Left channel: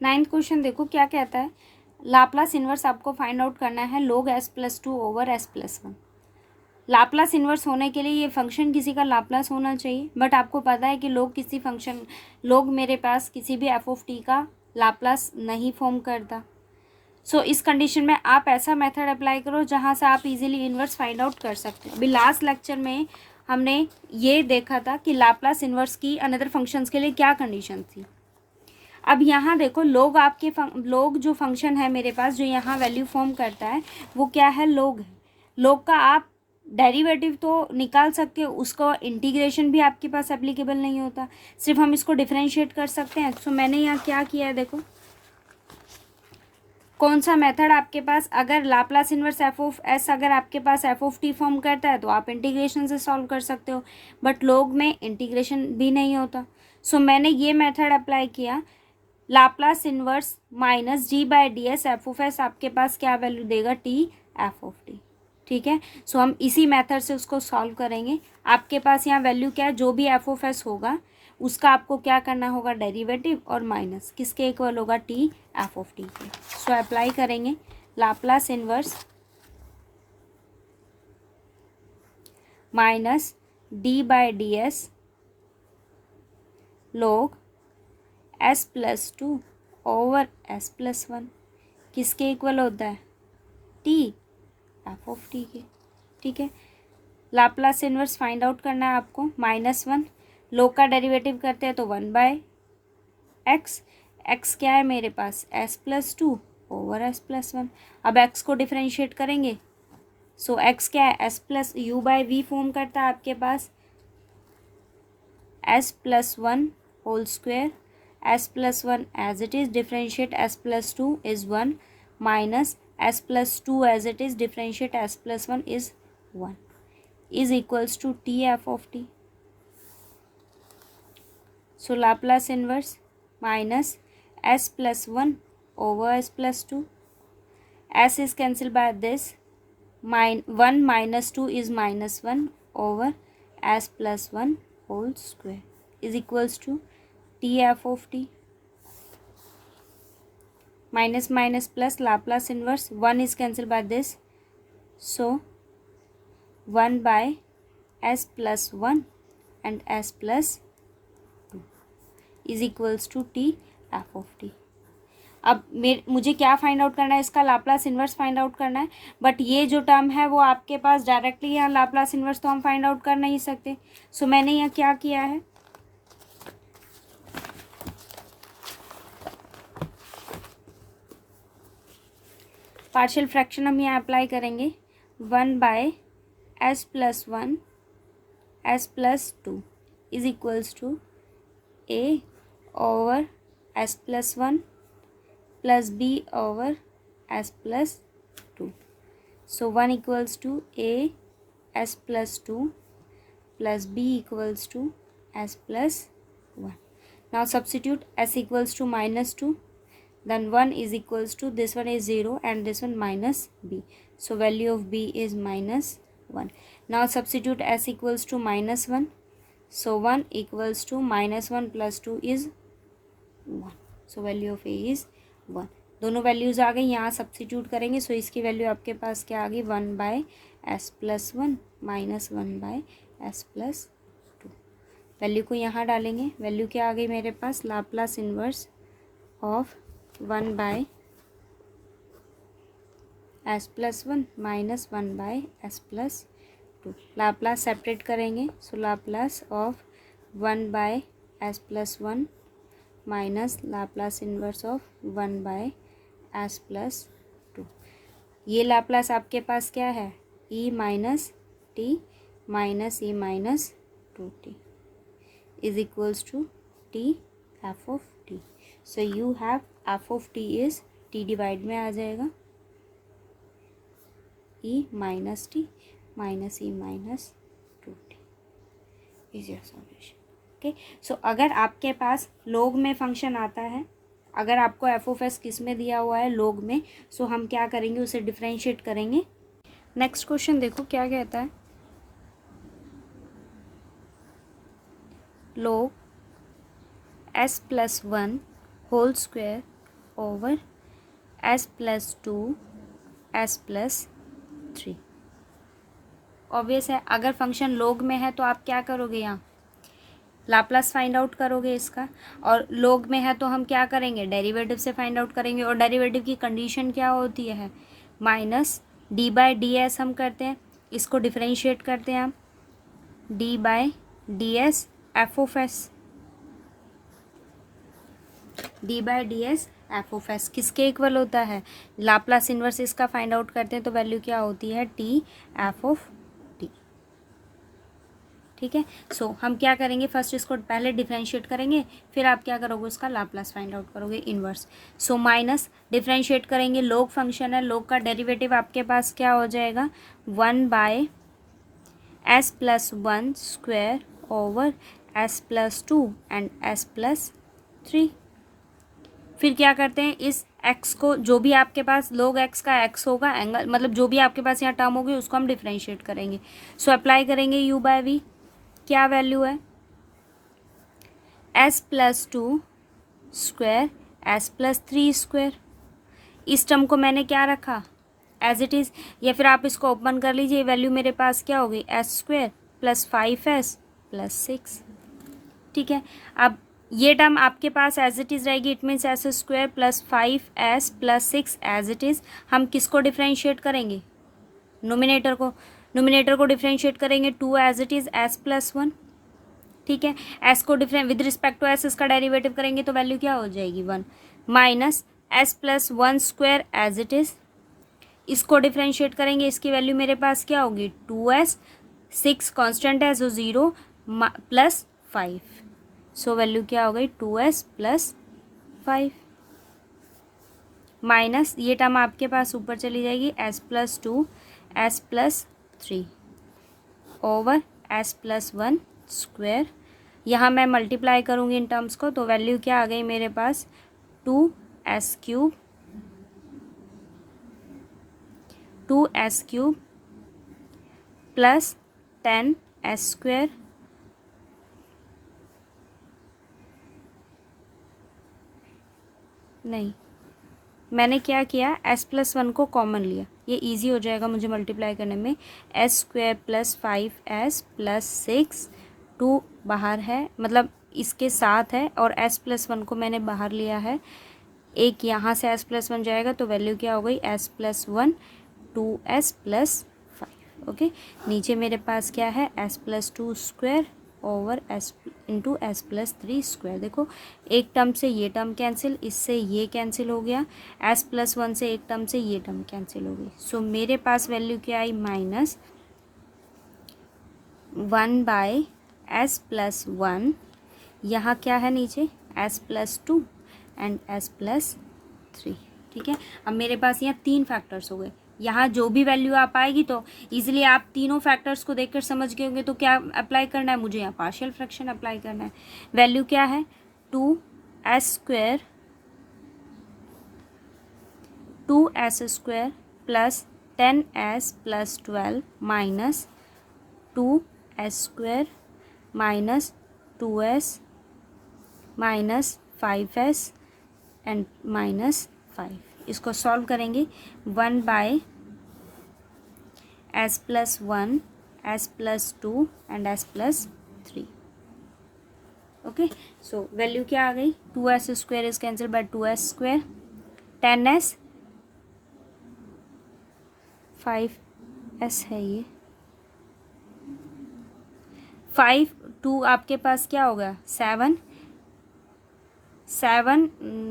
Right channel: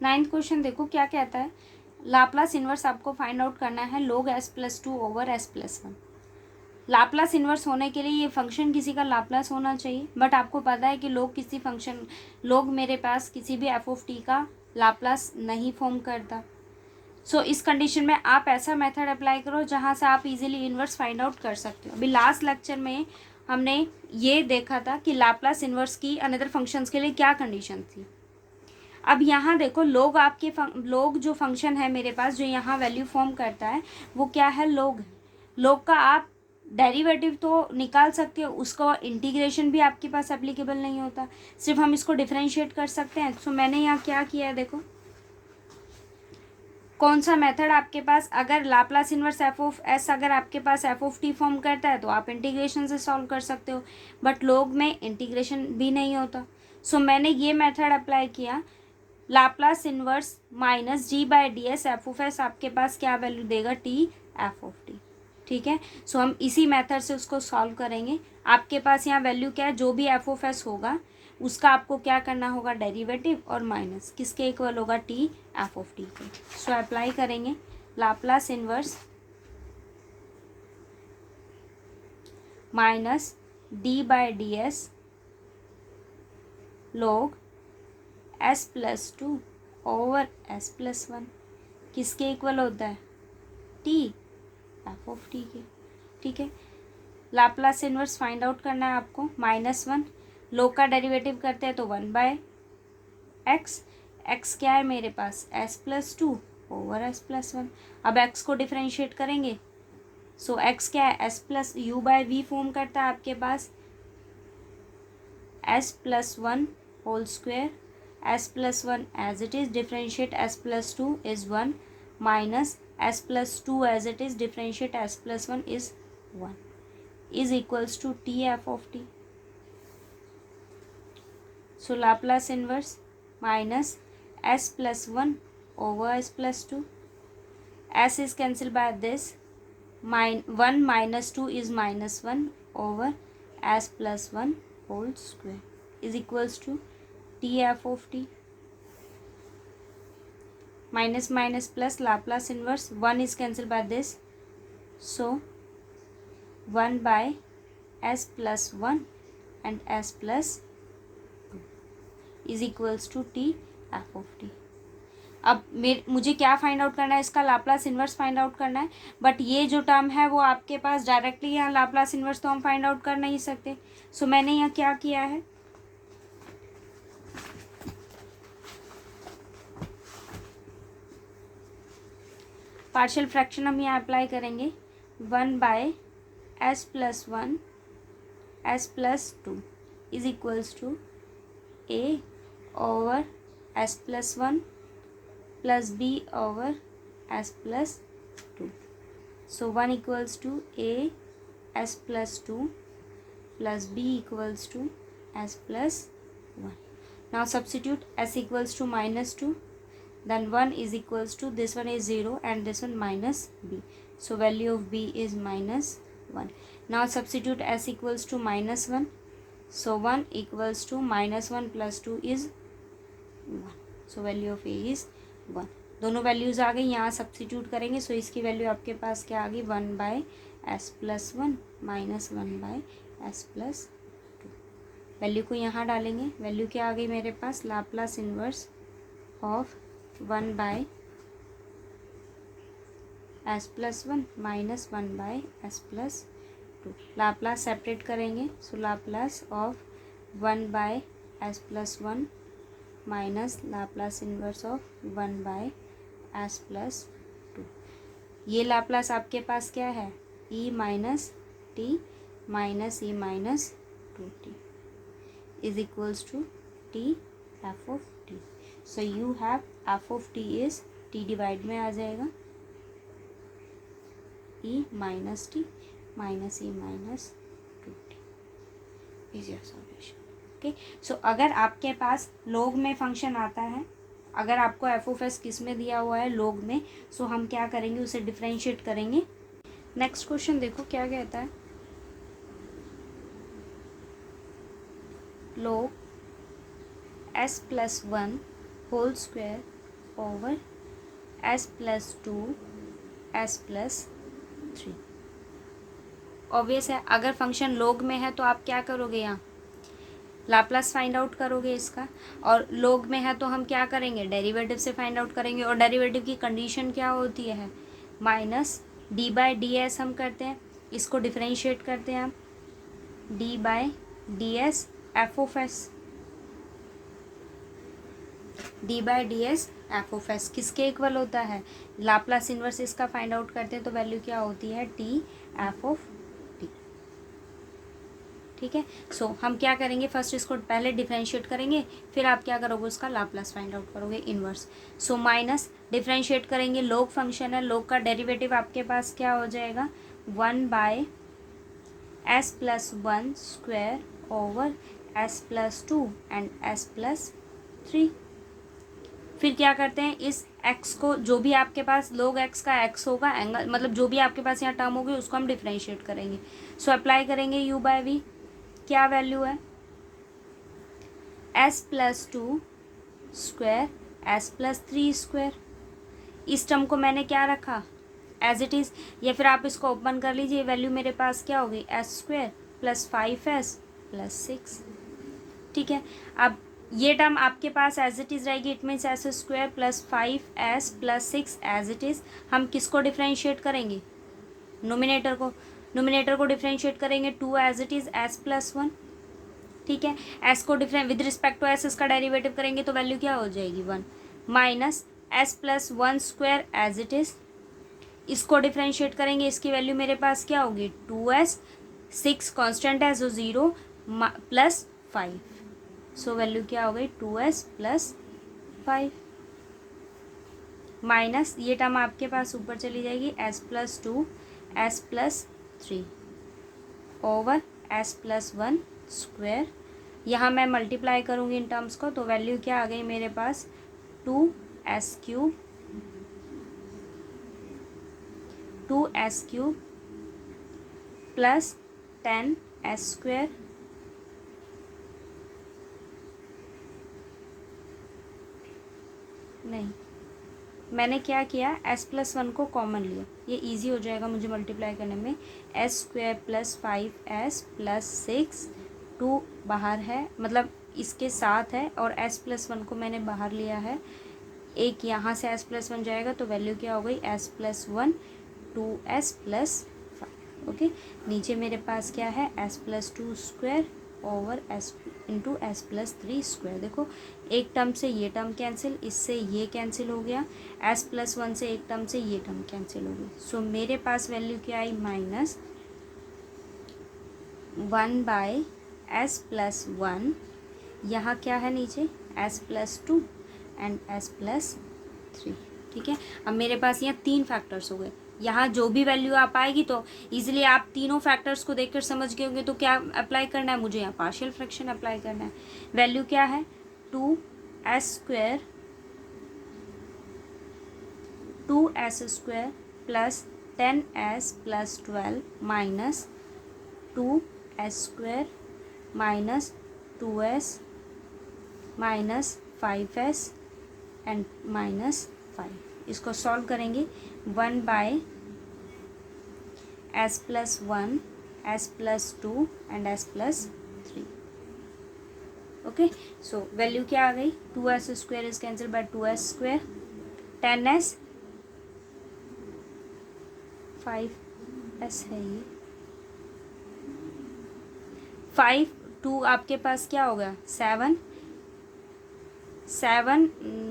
Ninth question देखो क्या कहता है, लाप्लास इन्वर्स आपको फाइंड आउट करना है log s+2 over s+1। Laplace inverse होने के लिए ये फंक्शन किसी का लाप्लास होना चाहिए, बट आपको पता है कि लोग किसी फंक्शन लोग मेरे पास किसी भी एफ ऑफ टी का लाप्लास नहीं फॉर्म करता। सो इस कंडीशन में आप ऐसा मेथड अप्लाई करो जहाँ से आप इजीली इन्वर्स फाइंड आउट कर सकते हो। अभी लास्ट लेक्चर में हमने ये देखा था कि लाप्लास इन्वर्स की अनदर फंक्शंस के लिए क्या कंडीशन थी। अब यहाँ देखो लोग आपके लोग जो फंक्शन है मेरे पास जो यहाँ वैल्यू फॉर्म करता है वो क्या है, लोग है। लोग का आप डेरिवेटिव तो निकाल सकते हो, उसको इंटीग्रेशन भी आपके पास एप्लीकेबल नहीं होता, सिर्फ हम इसको डिफरेंशिएट कर सकते हैं। सो मैंने यहाँ क्या किया है देखो, कौन सा मेथड आपके पास, अगर Laplace inverse F of S अगर आपके पास एफ ऑफ टी फॉर्म करता है तो आप इंटीग्रेशन से सॉल्व कर सकते हो, बट लोग में इंटीग्रेशन भी नहीं होता। सो मैंने ये मेथड अप्लाई किया, Laplace inverse minus G by D S F of S आपके पास क्या वैल्यू देगा, टी एफ ऑफ टी। ठीक है, सो हम इसी मेथड से उसको सॉल्व करेंगे। आपके पास यहाँ वैल्यू क्या है, जो भी एफ ऑफ एस होगा उसका आपको क्या करना होगा, डेरिवेटिव, और माइनस किसके इक्वल होगा, टी एफ ऑफ टी के। सो अप्लाई करेंगे Laplace inverse minus D by D S log s+2 over s+1 किसके इक्वल होता है, टी एफ ऑफ टी के। ठीक है, लाप्लास इन्वर्स फाइंड आउट करना है आपको, -1 लोग का डेरिवेटिव करते हैं तो 1/x, x क्या है मेरे पास, s+2 ओवर s+1। अब x को डिफरेंशिएट करेंगे, सो x क्या है, s+u/v फॉर्म करता है आपके पास, s+1 whole square, s+1 as it is, differentiate s+2 is 1 minus s+2 as it is, differentiate s+1 is 1 is equals to t f of t. So Laplace inverse minus s+1 over s+2, s is cancelled by this, 1 minus 2 is -1 over s+1 whole square is equals to t f of t. Minus minus plus Laplace inverse, 1 is cancelled by this, so 1 by s+1 and s+2 is equals to t f of t. अब मुझे क्या find out करना है, इसका Laplace inverse find out करना है, but ये जो टर्म है वो आपके पास डायरेक्टली यहाँ लाप्लास इन्वर्स तो हम फाइंड आउट कर नहीं सकते। सो मैंने यहाँ क्या किया है, पार्शियल फ्रैक्शन हम यहाँ अप्लाई करेंगे, 1 by s+1 s+2 is equals to a over s+1 plus b over s+2। So 1 equals to a s+2 plus b equals to s+1। Now substitute s equals to -2, then 1 is equals to, this one is 0 and this one minus b, so value of b is -1. Now substitute s equals to -1, so 1 equals to -1 plus 2 is 1, so value of a is 1। दोनों values आ गई, यहाँ substitute करेंगे, सो इसकी value आपके पास क्या आ गई, 1 by s+1 minus 1 by s+2। Value को यहाँ डालेंगे, वैल्यू क्या आ गई मेरे पास, Laplace inverse of 1 by s+1 minus 1 by s+2। Laplace separate करेंगे, so Laplace of 1 by s+1 minus Laplace inverse of 1 by s+2। ये लाप्लास आपके पास क्या है, e minus t minus e minus 2t is equals to t f of t। So you have f of t is t divide में आ जाएगा, e minus t minus e minus 2t is your solution. Okay, सो अगर आपके पास लोग में function आता है, अगर आपको एफ ऑफ एस किस में दिया हुआ है, लोग में, सो हम क्या करेंगे, उसे डिफरेंशिएट करेंगे। नेक्स्ट क्वेश्चन देखो क्या कहता है, log s+1 whole square over s+2 s+3। Obvious है, अगर फंक्शन लोग में है तो आप क्या करोगे, यहाँ लाप्लास फाइंड आउट करोगे इसका, और लोग में है तो हम क्या करेंगे, डेरिवेटिव से फाइंड आउट करेंगे। और डेरिवेटिव की कंडीशन क्या होती है, minus D by D S हम करते हैं, इसको डिफ्रेंशिएट करते हैं हम, D by D S F of S, D by D S F of S किसके इक्वल होता है, लाप्लास इन्वर्स इसका फाइंड आउट करते हैं तो वैल्यू क्या होती है, टी एफ ऑफ टी। ठीक है, सो हम क्या करेंगे, फर्स्ट इसको पहले डिफरेंशिएट करेंगे, फिर आप क्या करोगे, उसका लाप्लास फाइंड आउट करोगे इन्वर्स। सो माइनस डिफरेंशिएट करेंगे, लोग फंक्शन है, लोग का डेरिवेटिव आपके पास क्या हो जाएगा, 1/s+1 square over s+2 and s+3। फिर क्या करते हैं, इस x को, जो भी आपके पास लोग x का x होगा, एंगल मतलब जो भी आपके पास यहाँ टर्म होगी उसको हम डिफरेंशिएट करेंगे। सो अप्लाई करेंगे u/v, क्या वैल्यू है, s+2 स्क्वायर s+3 स्क्वायर। इस टर्म को मैंने क्या रखा, एज इट इज़, या फिर आप इसको ओपन कर लीजिए, वैल्यू मेरे पास क्या होगी, s² + 5s + 6। ठीक है, अब ये टर्म आपके पास एज इट इज़ रहेगी, it means s² + 5s + 6 as it is. हम किसको डिफ्रेंशिएट करेंगे, नोमिनेटर को, नोमिनेटर को डिफ्रेंशिएट करेंगे, 2 एज इट इज़ s+1। ठीक है, s को different with respect to s इसका डेरिवेटिव करेंगे तो वैल्यू क्या हो जाएगी, 1 minus s+1 square as it is. इसको डिफ्रेंशिएट करेंगे, इसकी वैल्यू मेरे पास क्या होगी, 2s, 6 कांस्टेंट है सो 0 + 5। सो वैल्यू क्या हो गई, 2s + 5 माइनस ये टर्म आपके पास ऊपर चली जाएगी, s+2 s+3 over s+1 square. यहाँ मैं मल्टीप्लाई करूँगी इन टर्म्स को तो वैल्यू क्या आ गई मेरे पास, 2s³ प्लस 10s²। नहीं, मैंने क्या किया, s+1 को कॉमन लिया, ये इजी हो जाएगा मुझे मल्टीप्लाई करने में, s² + 5s + 6, 2 बाहर है, मतलब इसके साथ है, और s+1 को मैंने बाहर लिया है, एक यहाँ से s+1 जाएगा तो वैल्यू क्या हो गई, s+1 2s + 5। ओके, नीचे मेरे पास क्या है, s+2 square over s into s+3 square. देखो एक टर्म से ये टर्म कैंसिल, इससे ये कैंसिल हो गया, s+1 से एक टर्म से ये टर्म कैंसिल हो गई। सो मेरे पास वैल्यू क्या आई, -1/s+1, यहाँ क्या है नीचे, s+2 एंड s+3। ठीक है, अब मेरे पास यहाँ 3 फैक्टर्स हो गए, यहाँ जो भी वैल्यू आप आएगी तो इजीली आप तीनों फैक्टर्स को देखकर समझ गए होंगे। तो क्या अप्लाई करना है मुझे, यहाँ पार्शियल फ्रैक्शन अप्लाई करना है। वैल्यू क्या है, 2s² plus 10s + 12 minus 2s² minus 2s minus 5s and minus 5। इसको सॉल्व करेंगे, 1/s+1 s+2 and s+3। Okay, so value क्या आ गई, 2s² is cancel bye 2s², 10s 5s है ये, 5 2 आपके पास क्या होगा, 7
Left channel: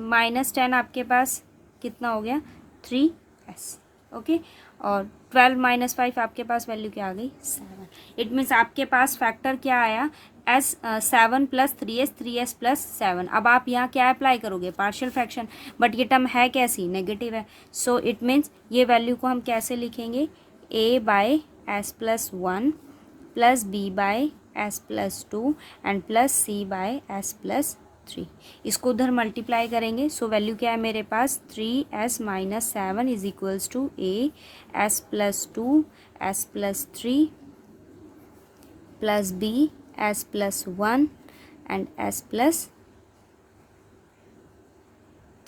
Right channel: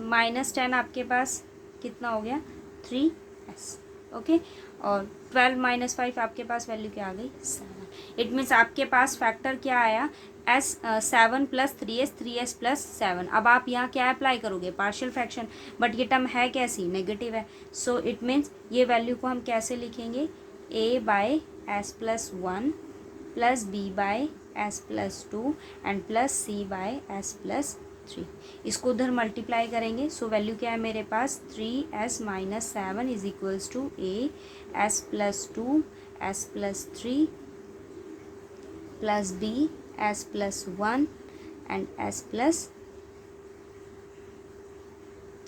माइनस 10 आपके पास कितना हो गया, 3s। ओके, और 12 - 5 आपके पास वैल्यू क्या आ गई, 7। इट मीन्स आपके पास फैक्टर क्या आया, 7 + 3s 3s + 7। अब आप यहाँ क्या अप्लाई करोगे, पार्शियल फ्रैक्शन, बट ये टर्म है कैसी, नेगेटिव है। सो इट मीन्स ये वैल्यू को हम कैसे लिखेंगे, a/s+1 plus b/s+2 and plus c/s+3। इसको उधर मल्टीप्लाई करेंगे, सो वैल्यू क्या है मेरे पास, 3s - 7 is equals to a/s+2 s+3 plus b/s+1 and s+3।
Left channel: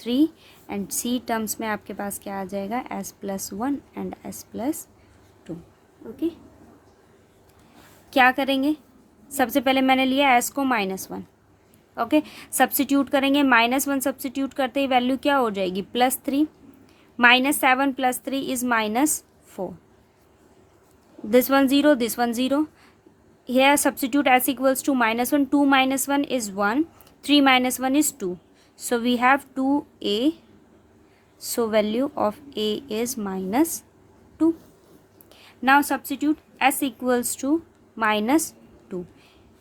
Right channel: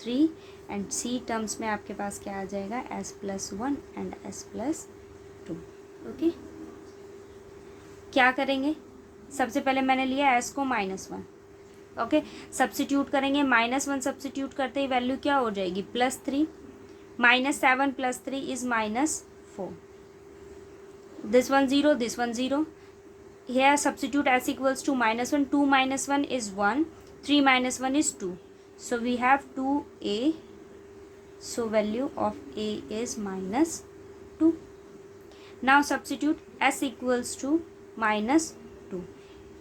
3 and C terms में आपके पास क्या आ जाएगा, s+1 एंड s+2। ओके, क्या करेंगे, सबसे पहले मैंने लिया s को -1। ओके, सब्स्टिट्यूट करेंगे, -1 सब्स्टिट्यूट करते ही वैल्यू क्या हो जाएगी, +3। -7 + 3 is -4। This one 0, this one 0। Here substitute s equals to -1. 2 - 1 is 1. 3 - 1 is 2. So we have 2a. So value of a is -2. Now substitute s equals to -2.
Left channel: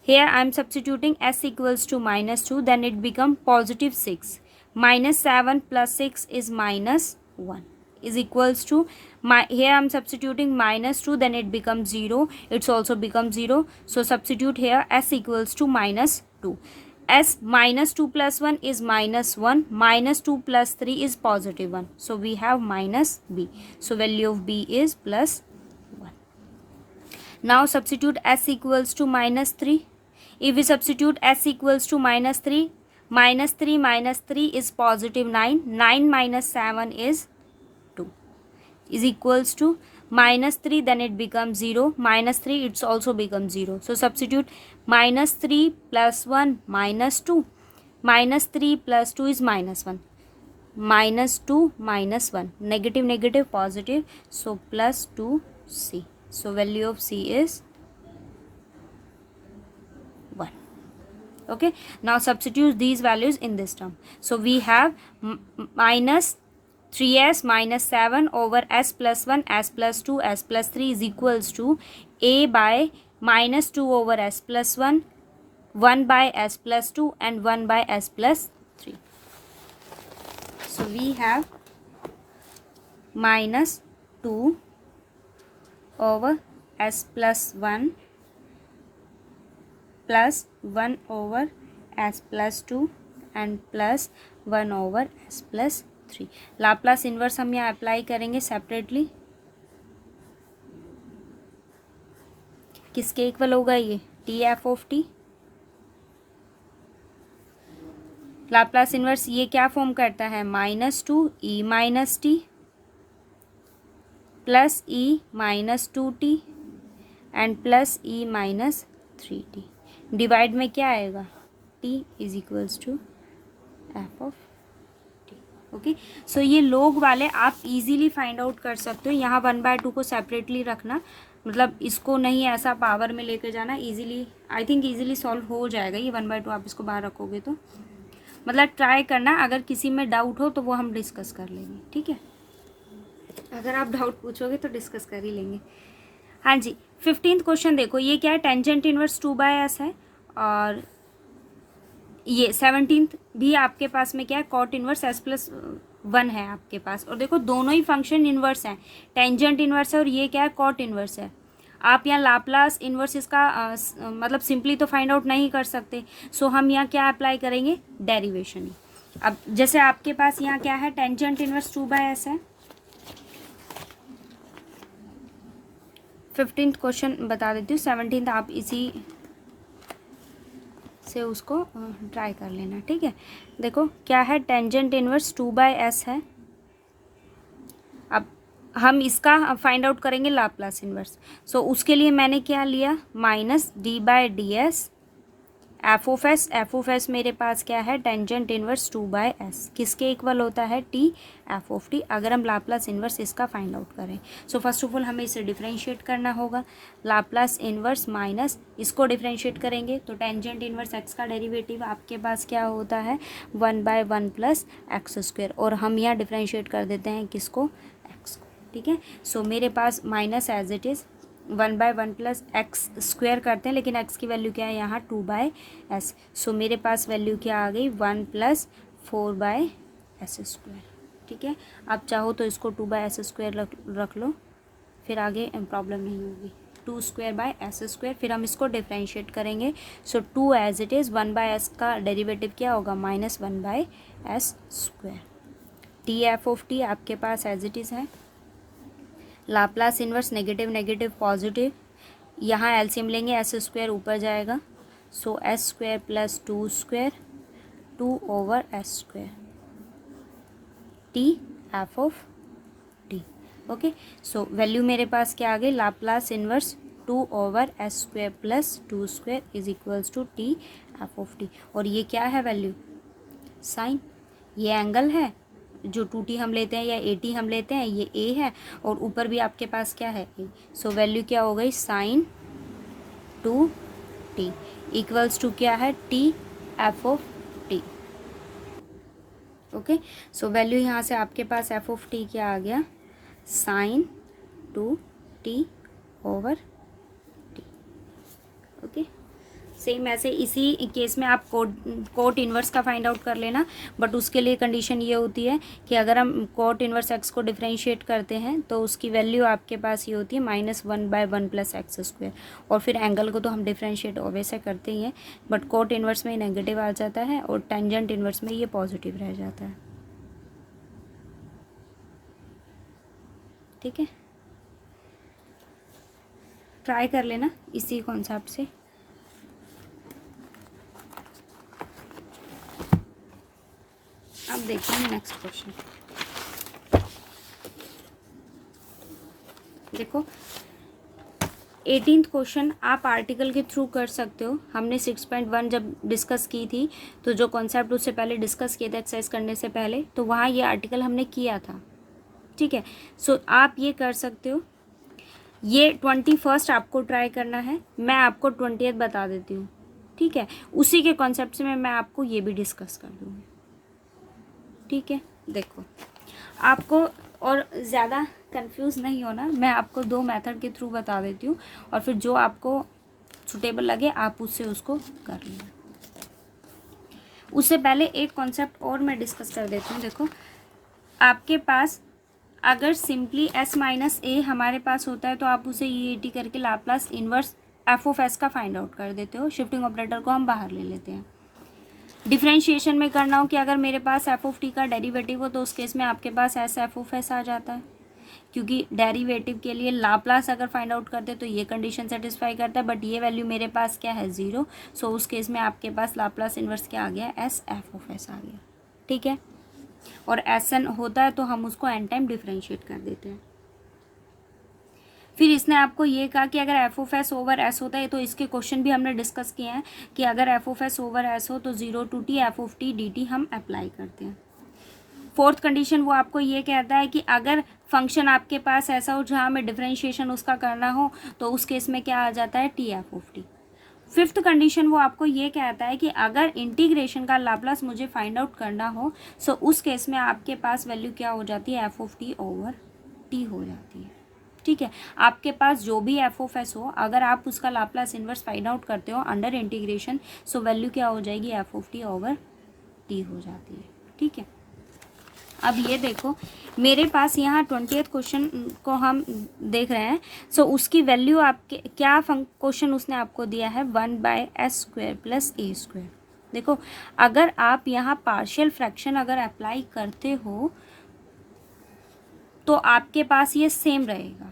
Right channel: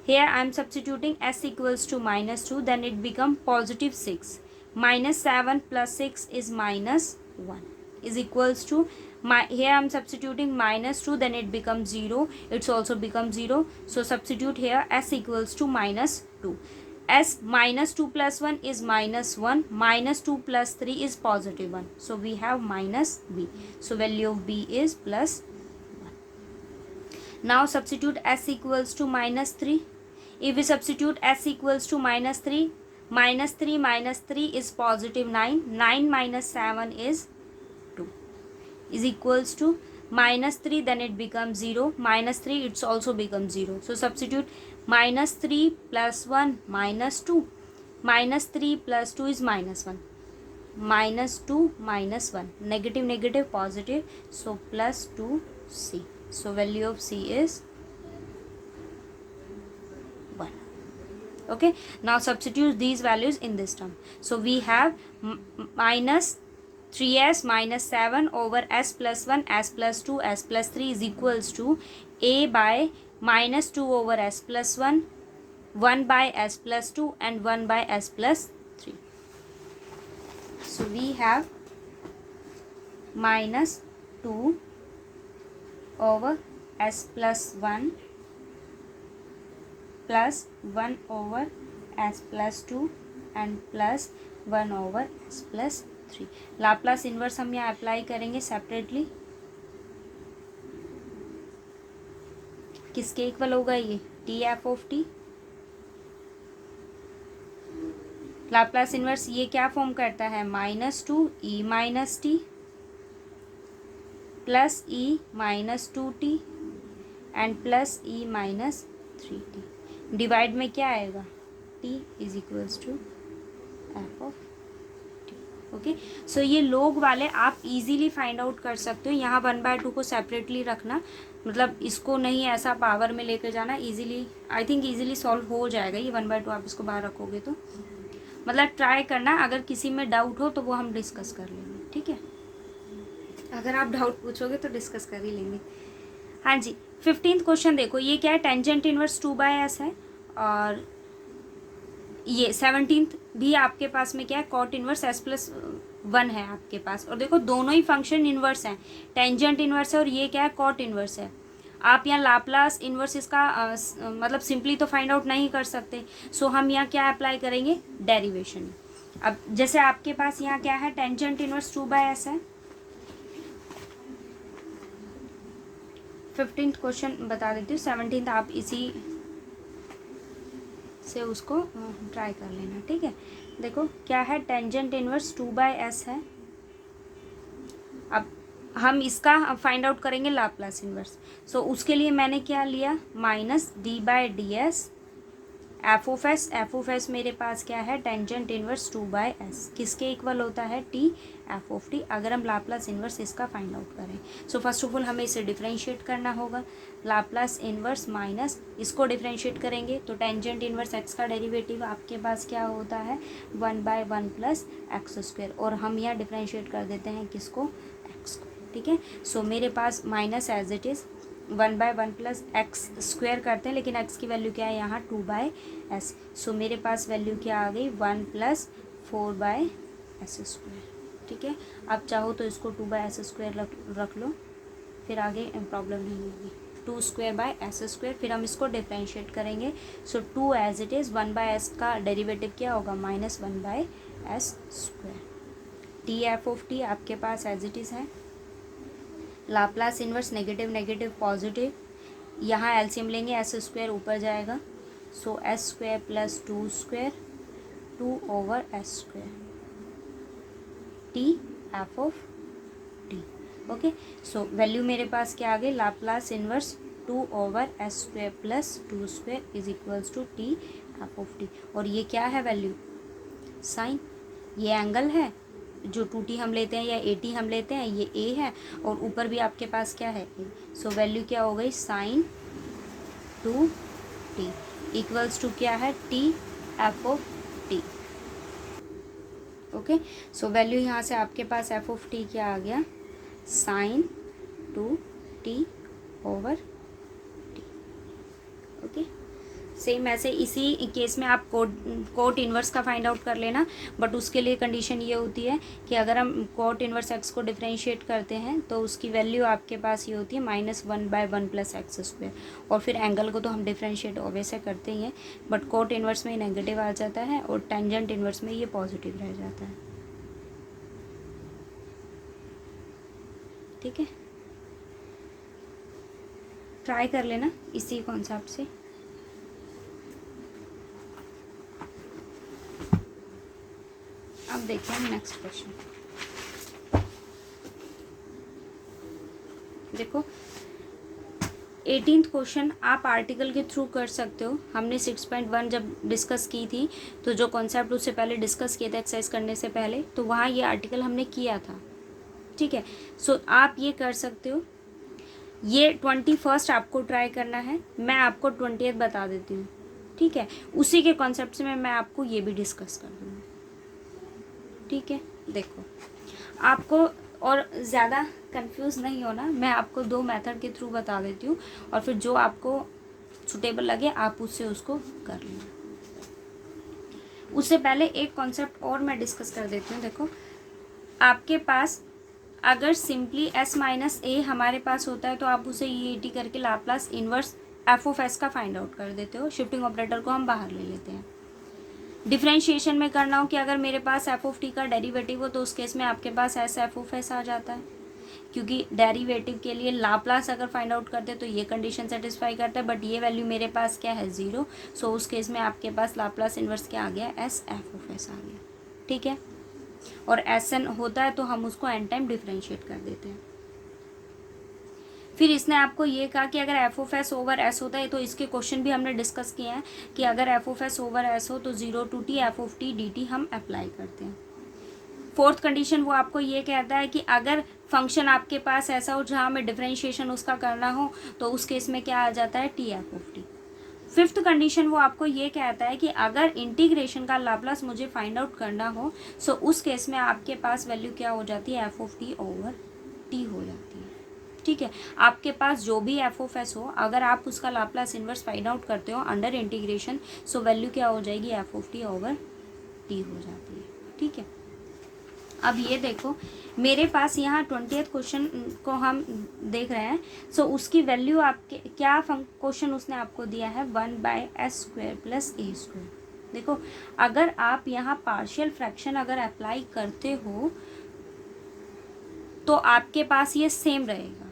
Here I am substituting s equals to -2. Then it become +6. -7 + 6 is -1 is equals to here I am substituting -2, then it becomes 0. It's also becomes 0. So substitute here s equals to -2. S -2 + 1 is -1. -2 + 3 is +1. So we have -b. So value of b is +1. Now substitute s equals to -3. If we substitute s equals to -3, -3 - 3 is +9. 9 - 7 is 2 is equals to -3, then it becomes 0. -3 it's also becomes 0. So substitute -3 + 1 -2. -3 + 2 is -1. -2 - 1. Negative negative positive. So +2c. So value of c is 1. Okay, now substitute these values in this term. So we have -3s - 7 over s+1, s+2, s+3 is equals to a by -2 over s+1, 1 by s+2 and 1 by s+3. So we have -2 over s+1 plus 1 over s+2 and plus 1 over s+3. Laplace inverse हम यहाँ apply करेंगे separately. किसके equal होगा ये, TF(t). Laplace inverse ये क्या form करता है, -2 e - t plus e - 2t and plus e - 3t। Divide में क्या आएगा, t is equals to f(t). Okay, so ये लोग वाले आप इजीली फाइंड आउट कर सकते हो। यहाँ 1/2 को सेपरेटली रखना, मतलब इसको नहीं ऐसा पावर में लेके जाना। Easily I think easily solve हो जाएगा ये 1/2। आप इसको बाहर रखोगे तो मतलब ट्राई करना, अगर किसी में डाउट हो तो वो हम डिस्कस कर लेंगे, ठीक है। अगर आप डाउट पूछोगे तो डिस्कस कर ही लेंगे। हाँ जी, 15th क्वेश्चन देखो, ये क्या है, टेंजेंट इनवर्स 2/s है। और ये 17th भी आपके पास में क्या है, कॉट इनवर्स s+1 है आपके पास। और देखो दोनों ही फंक्शन इनवर्स हैं, टेंजेंट इनवर्स है और ये क्या है, कॉट इनवर्स है। आप यहाँ लाप्लास इनवर्स इसका मतलब सिंपली तो फाइंड आउट नहीं कर सकते। सो हम यहाँ क्या अप्लाई करेंगे, डेरिवेशन। अब जैसे आपके पास यहाँ क्या है, टेंजेंट इनवर्स 2/s है। 15th क्वेश्चन बता देती हूँ, 17th आप इसी से उसको ट्राई कर लेना, ठीक है। देखो क्या है, टेंजेंट इनवर्स 2/s है। अब हम इसका फाइंड आउट करेंगे लाप्लास इनवर्स। सो उसके लिए मैंने क्या लिया, -d/ds f(s) मेरे पास क्या है, टेंजेंट इनवर्स 2/s किसके इक्वल होता है, t f(t). अगर हम लाप्लास इनवर्स इसका फाइंड आउट करें, सो फर्स्ट ऑफ ऑल हमें इसे डिफरेंशिएट करना होगा। लाप्लास इनवर्स माइनस इसको डिफरेंशिएट करेंगे तो टेंजेंट इनवर्स x का डेरिवेटिव आपके पास क्या होता है, 1/1 + x²। और हम यहाँ डिफरेंशिएट कर देते हैं किसको, x को, ठीक है। सो मेरे पास minus as it is 1/1 + x² करते हैं, लेकिन x की वैल्यू क्या है यहाँ, 2/s। सो मेरे पास वैल्यू क्या आ गई, 1 + 4/s², ठीक है। अब चाहो तो इसको 2/s² रख लो, फिर आगे प्रॉब्लम नहीं होगी। 2² फिर हम इसको डिफरेंशिएट करेंगे। सो 2 एज इट इज़, 1/s का डेरिवेटिव क्या होगा, -1/s²। TF(t) आपके पास एज इट इज़ है। Laplace inverse negative negative positive, यहाँ एलसीएम लेंगे, s² ऊपर जाएगा। So s² + 2² 2/s²। T F of T. Okay, so value मेरे पास क्या आ गई, Laplace inverse 2/s² plus 2² is equals to T F of T. और ये क्या है वैल्यू, साइन, ये एंगल है जो 2t हम लेते हैं या 80 हम लेते हैं, ये a है, और ऊपर भी आपके पास क्या है a। सो वैल्यू क्या हो गई, साइन 2t इक्वल्स टू क्या है, T F of T. Okay, so value यहाँ से आपके पास एफ ऑफ टी क्या आ गया, sine 2t over T. Okay, same ऐसे इसी केस में आप कोट इन्वर्स का फाइंड आउट कर लेना, बट उसके लिए कंडीशन ये होती है कि अगर हम कोट इन्वर्स एक्स को डिफरेंशिएट करते हैं तो उसकी वैल्यू आपके पास ये होती है -1/1 + x²। और फिर एंगल को तो हम डिफरेंशिएट वैसे करते ही हैं, बट कोट इन्वर्स में नेगेटिव आ जाता है और टेंजेंट इन्वर्स में ये पॉजिटिव रह जाता है। ठीक है, ट्राई कर लेना इसी कॉन्सेप्ट से। अब देखते हैं नेक्स्ट क्वेश्चन। देखो 18th क्वेश्चन आप आर्टिकल के थ्रू कर सकते हो। हमने 6.1 जब डिस्कस की थी, तो जो कॉन्सेप्ट उससे पहले डिस्कस किया था एक्सरसाइज करने से पहले, तो वहाँ ये आर्टिकल हमने किया था। ठीक है, सो आप ये कर सकते हो। ये 21st आपको ट्राई करना है, मैं आपको 20th बता देती हूँ। ठीक है, उसी के कॉन्सेप्ट से मैं आपको ये भी डिस्कस कर दूँगी। ठीक है, देखो आपको और ज़्यादा कंफ्यूज नहीं होना, मैं आपको 2 मेथड के थ्रू बता देती हूँ, और फिर जो आपको सुटेबल लगे आप उससे उसको कर लेना। उससे पहले एक कॉन्सेप्ट और मैं डिस्कस कर देती हूँ। देखो आपके पास अगर सिंपली s - a हमारे पास होता है तो आप उसे EAT करके Laplace inverse f of s का फाइंड आउट कर देते हो। शिफ्टिंग ऑपरेटर को हम बाहर ले लेते हैं। डिफरेंशिएशन में करना हो कि अगर मेरे पास एफ ऑफ टी का डेरिवेटिव हो तो उस केस में आपके पास एस एफ ऑफ एस आ जाता है, क्योंकि डेरिवेटिव के लिए लाप्लास अगर फाइंड आउट करते तो ये कंडीशन सेटिस्फाई करता है, बट ये वैल्यू मेरे पास क्या है, 0। सो उस केस में आपके पास लाप्लास इन्वर्स क्या आ गया, एस एफ ऑफ एस आ गया। ठीक है, और एस एन होता है तो हम उसको एन टाइम डिफरेंशिएट कर देते हैं। फिर इसने आपको ये कहा कि अगर F of S over S होता है, तो इसके क्वेश्चन भी हमने डिस्कस किए हैं कि अगर F of S over S हो तो 0 to t F of T D T हम अप्लाई करते हैं। 4th कंडीशन वो आपको ये कहता है कि अगर फंक्शन आपके पास ऐसा हो जहाँ में डिफरेंशिएशन उसका करना हो तो उस केस में क्या आ जाता है, T F of T. 5th condition वो आपको ये कहता है कि अगर इंटीग्रेशन का लाप्लास मुझे फाइंड आउट करना हो, सो उस केस में आपके पास वैल्यू क्या हो जाती है, F of T over T हो जाती है। ठीक है, आपके पास जो भी एफ ऑफ एस हो, अगर आप उसका लाप्लास इन्वर्स फाइंड आउट करते हो अंडर इंटीग्रेशन, सो वैल्यू क्या हो जाएगी, F of T over T हो जाती है। ठीक है, अब ये देखो मेरे पास यहाँ 20th क्वेश्चन को हम देख रहे हैं। सो उसकी वैल्यू आपके क्या क्वेश्चन उसने आपको दिया है, 1/s² प्लस a²। देखो अगर आप यहाँ पार्शियल फ्रैक्शन अगर अप्लाई करते हो तो आपके पास ये सेम रहेगा।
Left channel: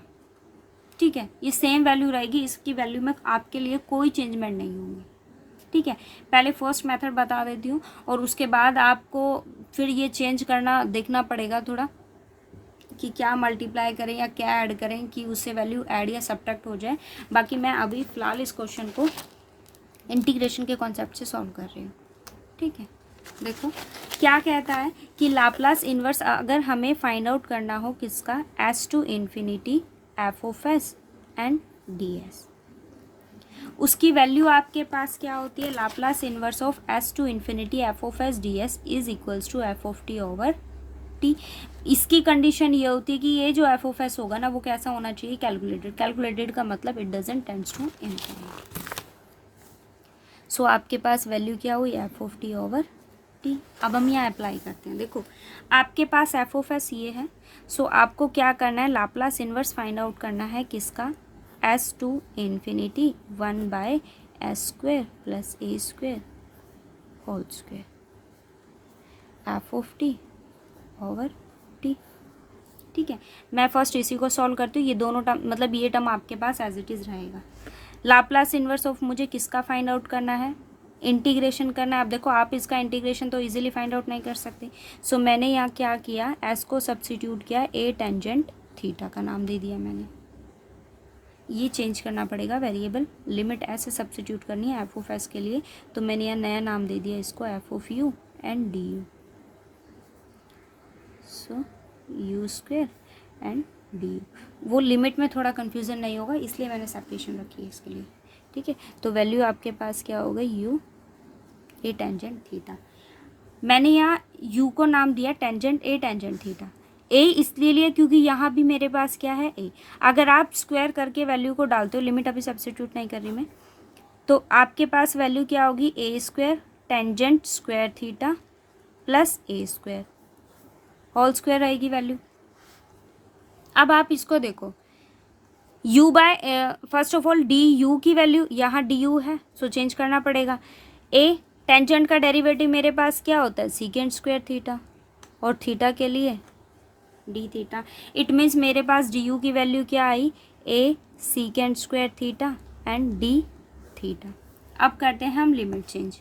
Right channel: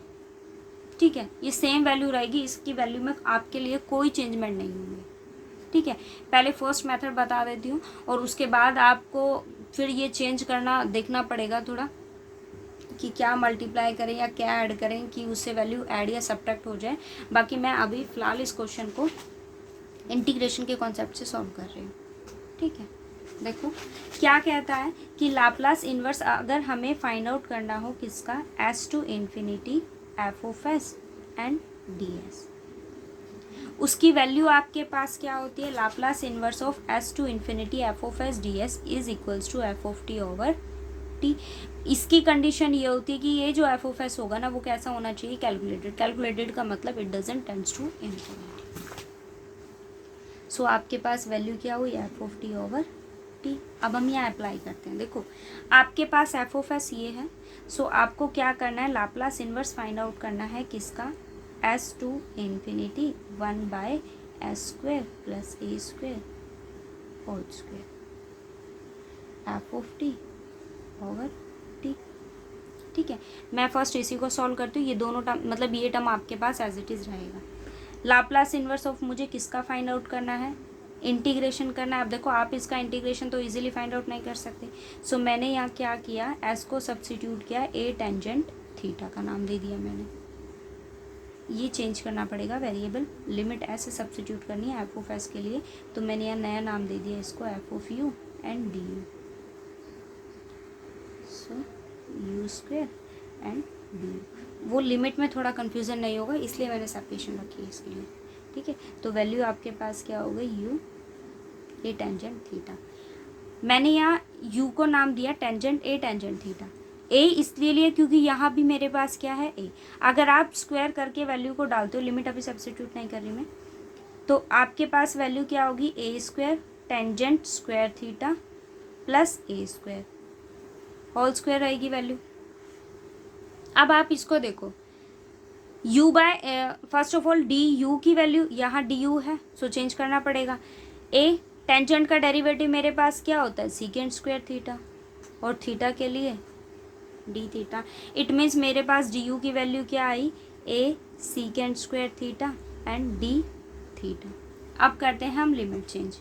ठीक है, ये सेम वैल्यू रहेगी, इसकी वैल्यू में आपके लिए कोई चेंजमेंट नहीं होगी। ठीक है, पहले फर्स्ट मेथड बता देती हूँ और उसके बाद आपको फिर ये चेंज करना देखना पड़ेगा थोड़ा कि क्या मल्टीप्लाई करें या क्या ऐड करें कि उससे वैल्यू ऐड या सब्ट्रैक्ट हो जाए। बाकी मैं अभी फ़िलहाल इस क्वेश्चन को इंटीग्रेशन के कॉन्सेप्ट से सॉल्व कर रही हूँ। ठीक है, देखो क्या कहता है कि लाप्लास इन्वर्स अगर हमें फाइंड आउट करना हो किसका, s to ∞ F of S and D S, उसकी वैल्यू आपके पास क्या होती है, Laplace inverse of s to ∞ F of S D S is equals to F of T over T. इसकी कंडीशन ये होती है कि ये जो एफ ऑफ एस होगा ना वो कैसा होना चाहिए, कैलकुलेटेड। कैलकुलेटेड का मतलब it doesn't tends to infinity. So आपके पास वैल्यू क्या हुई, f of T over t. अब हम यहाँ अप्लाई करते हैं। देखो आपके पास एफ ऑफ एस ये है, सो आपको क्या करना है, लाप्लास इन्वर्स फाइंड आउट करना है किसका, s to ∞ 1/s² plus a² whole square F of T over T. ठीक है, मैं फर्स्ट इसी को सॉल्व करती हूँ। ये दोनों टर्म मतलब ये टर्म आपके पास एज इट इज़ रहेगा। लाप्लास इन्वर्स ऑफ मुझे किसका फाइंड आउट करना है, इंटीग्रेशन करना है। अब देखो आप इसका इंटीग्रेशन तो इजीली फाइंड आउट नहीं कर सकते, सो मैंने यहाँ क्या किया, एस को सब्स्टिट्यूट किया, ए टेंजेंट थीटा का नाम दे दिया मैंने। ये चेंज करना पड़ेगा वेरिएबल, लिमिट एस से सब्स्टिट्यूट करनी है एफ ऑफ एस के लिए, तो मैंने यह नया नाम दे दिया इसको F of you and D you. So you square and D you, वो लिमिट में थोड़ा कन्फ्यूज़न नहीं होगा इसलिए मैंने सेपरेशन रखी है इसके लिए, ठीक है। तो वैल्यू आपके पास क्या होगा, यू ए टेंजेंट थीटा। मैंने यहाँ u को नाम दिया टेंजेंट ए टेंजेंट थीटा। ए इसलिए लिया क्योंकि यहाँ भी मेरे पास क्या है ए। अगर आप स्क्वायर करके वैल्यू को डालते हो, लिमिट अभी सब्स्टिट्यूट नहीं कर रही मैं, तो आपके पास वैल्यू क्या होगी, a square tangent square theta plus a square whole square रहेगी वैल्यू। अब आप इसको देखो, u by first of all d u की वैल्यू यहाँ डी यू है, सो चेंज करना पड़ेगा। ए टेंजेंट का डेरिवेटिव मेरे पास क्या होता है, सीकेंड स्क्वायर थीटा, और थीटा के लिए डी थीटा। इट मीन्स मेरे पास डी यू की वैल्यू क्या आई, a secant square theta and d theta. अब करते हैं हम लिमिट चेंज।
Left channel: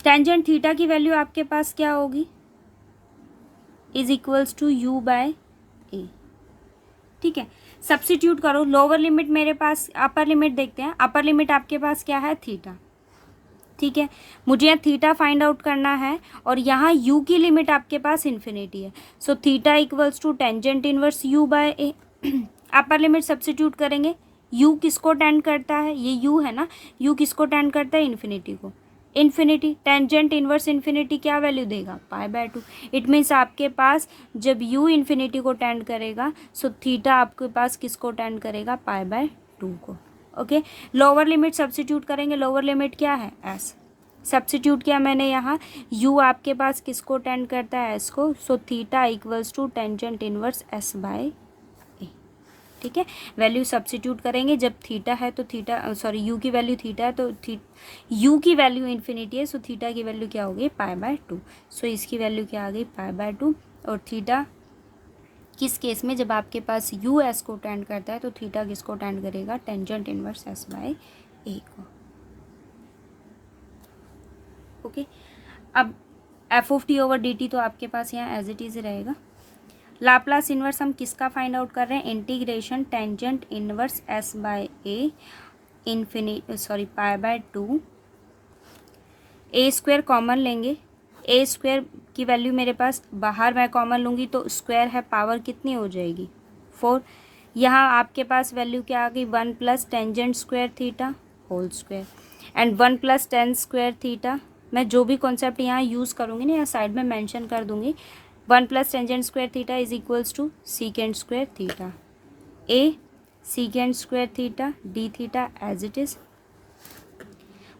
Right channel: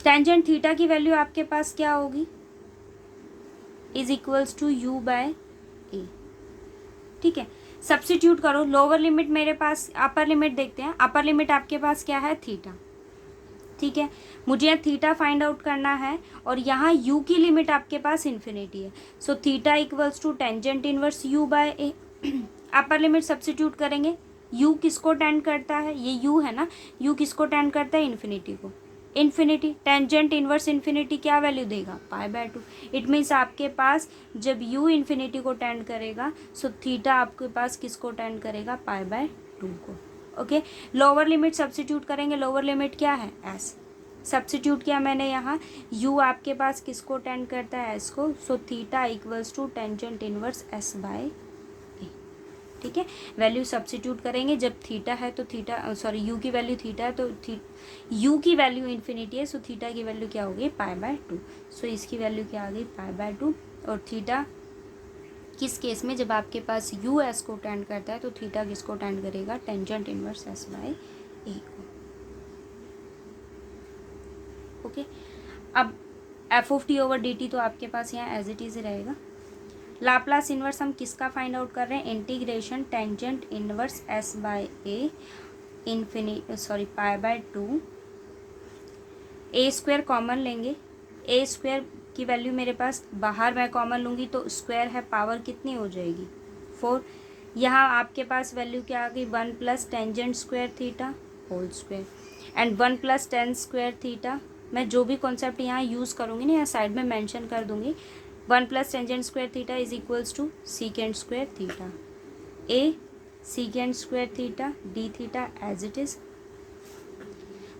टेंजेंट थीटा की वैल्यू आपके पास क्या होगी, is equals to u by a, ठीक है। सब्स्टिट्यूट करो, लोअर लिमिट मेरे पास, अपर लिमिट देखते हैं। अपर लिमिट आपके पास क्या है, थीटा, ठीक है। मुझे यहाँ थीटा फाइंड आउट करना है और यहाँ u की लिमिट आपके पास इन्फिनिटी है, so theta equals to tangent inverse u by A. Upper limit substitute करेंगे, u किसको टेंड करता है, ये u है ना, u किसको टेंड करता है, इन्फिनिटी को। इन्फिनिटी टेंजेंट इनवर्स इन्फिनिटी क्या वैल्यू देगा, पाई बाय 2। इट मीन्स आपके पास जब u इन्फिनिटी को टेंड करेगा, सो थीटा आपके पास किसको टेंड करेगा, पाई बाय 2 को। ओके, लोअर लिमिट सब्स्टिट्यूट करेंगे, लोअर लिमिट क्या है, एस। सब्स्टिट्यूट किया मैंने यहाँ, u आपके पास किसको टेंड करता है, एस को, so theta equals to tangent inverse s by a, ठीक है। वैल्यू सब्स्टिट्यूट करेंगे, जब थीटा है तो थीटा, सॉरी u की वैल्यू थीटा है तो u की वैल्यू इन्फिनिटी है, सो थीटा की वैल्यू क्या हो गई, पाई बाय 2। सो इसकी वैल्यू क्या आ गई, पाई बाय 2। और थीटा किस केस में, जब आपके पास u एस को टेंड करता है तो थीटा किसको टेंड करेगा, tangent inverse s by a को। ओके, अब f of T over d t तो आपके पास यहाँ एज इट इज रहेगा। लाप्लास इनवर्स हम किसका फाइंड आउट कर रहे हैं, integration tangent inverse s by a pi by 2। A square common लेंगे, ए स्क्वायर की वैल्यू मेरे पास बाहर मैं कॉमन लूँगी तो स्क्वायर है, पावर कितनी हो जाएगी, 4। यहाँ आपके पास वैल्यू क्या आ गई, 1 plus tangent square theta whole square and 1 plus tan square theta. मैं जो भी कॉन्सेप्ट यहाँ यूज़ करूँगी ना, यहाँ साइड में मेंशन कर दूँगी। 1 plus tangent square theta is equals to secant square theta, a secant square theta d theta as it is.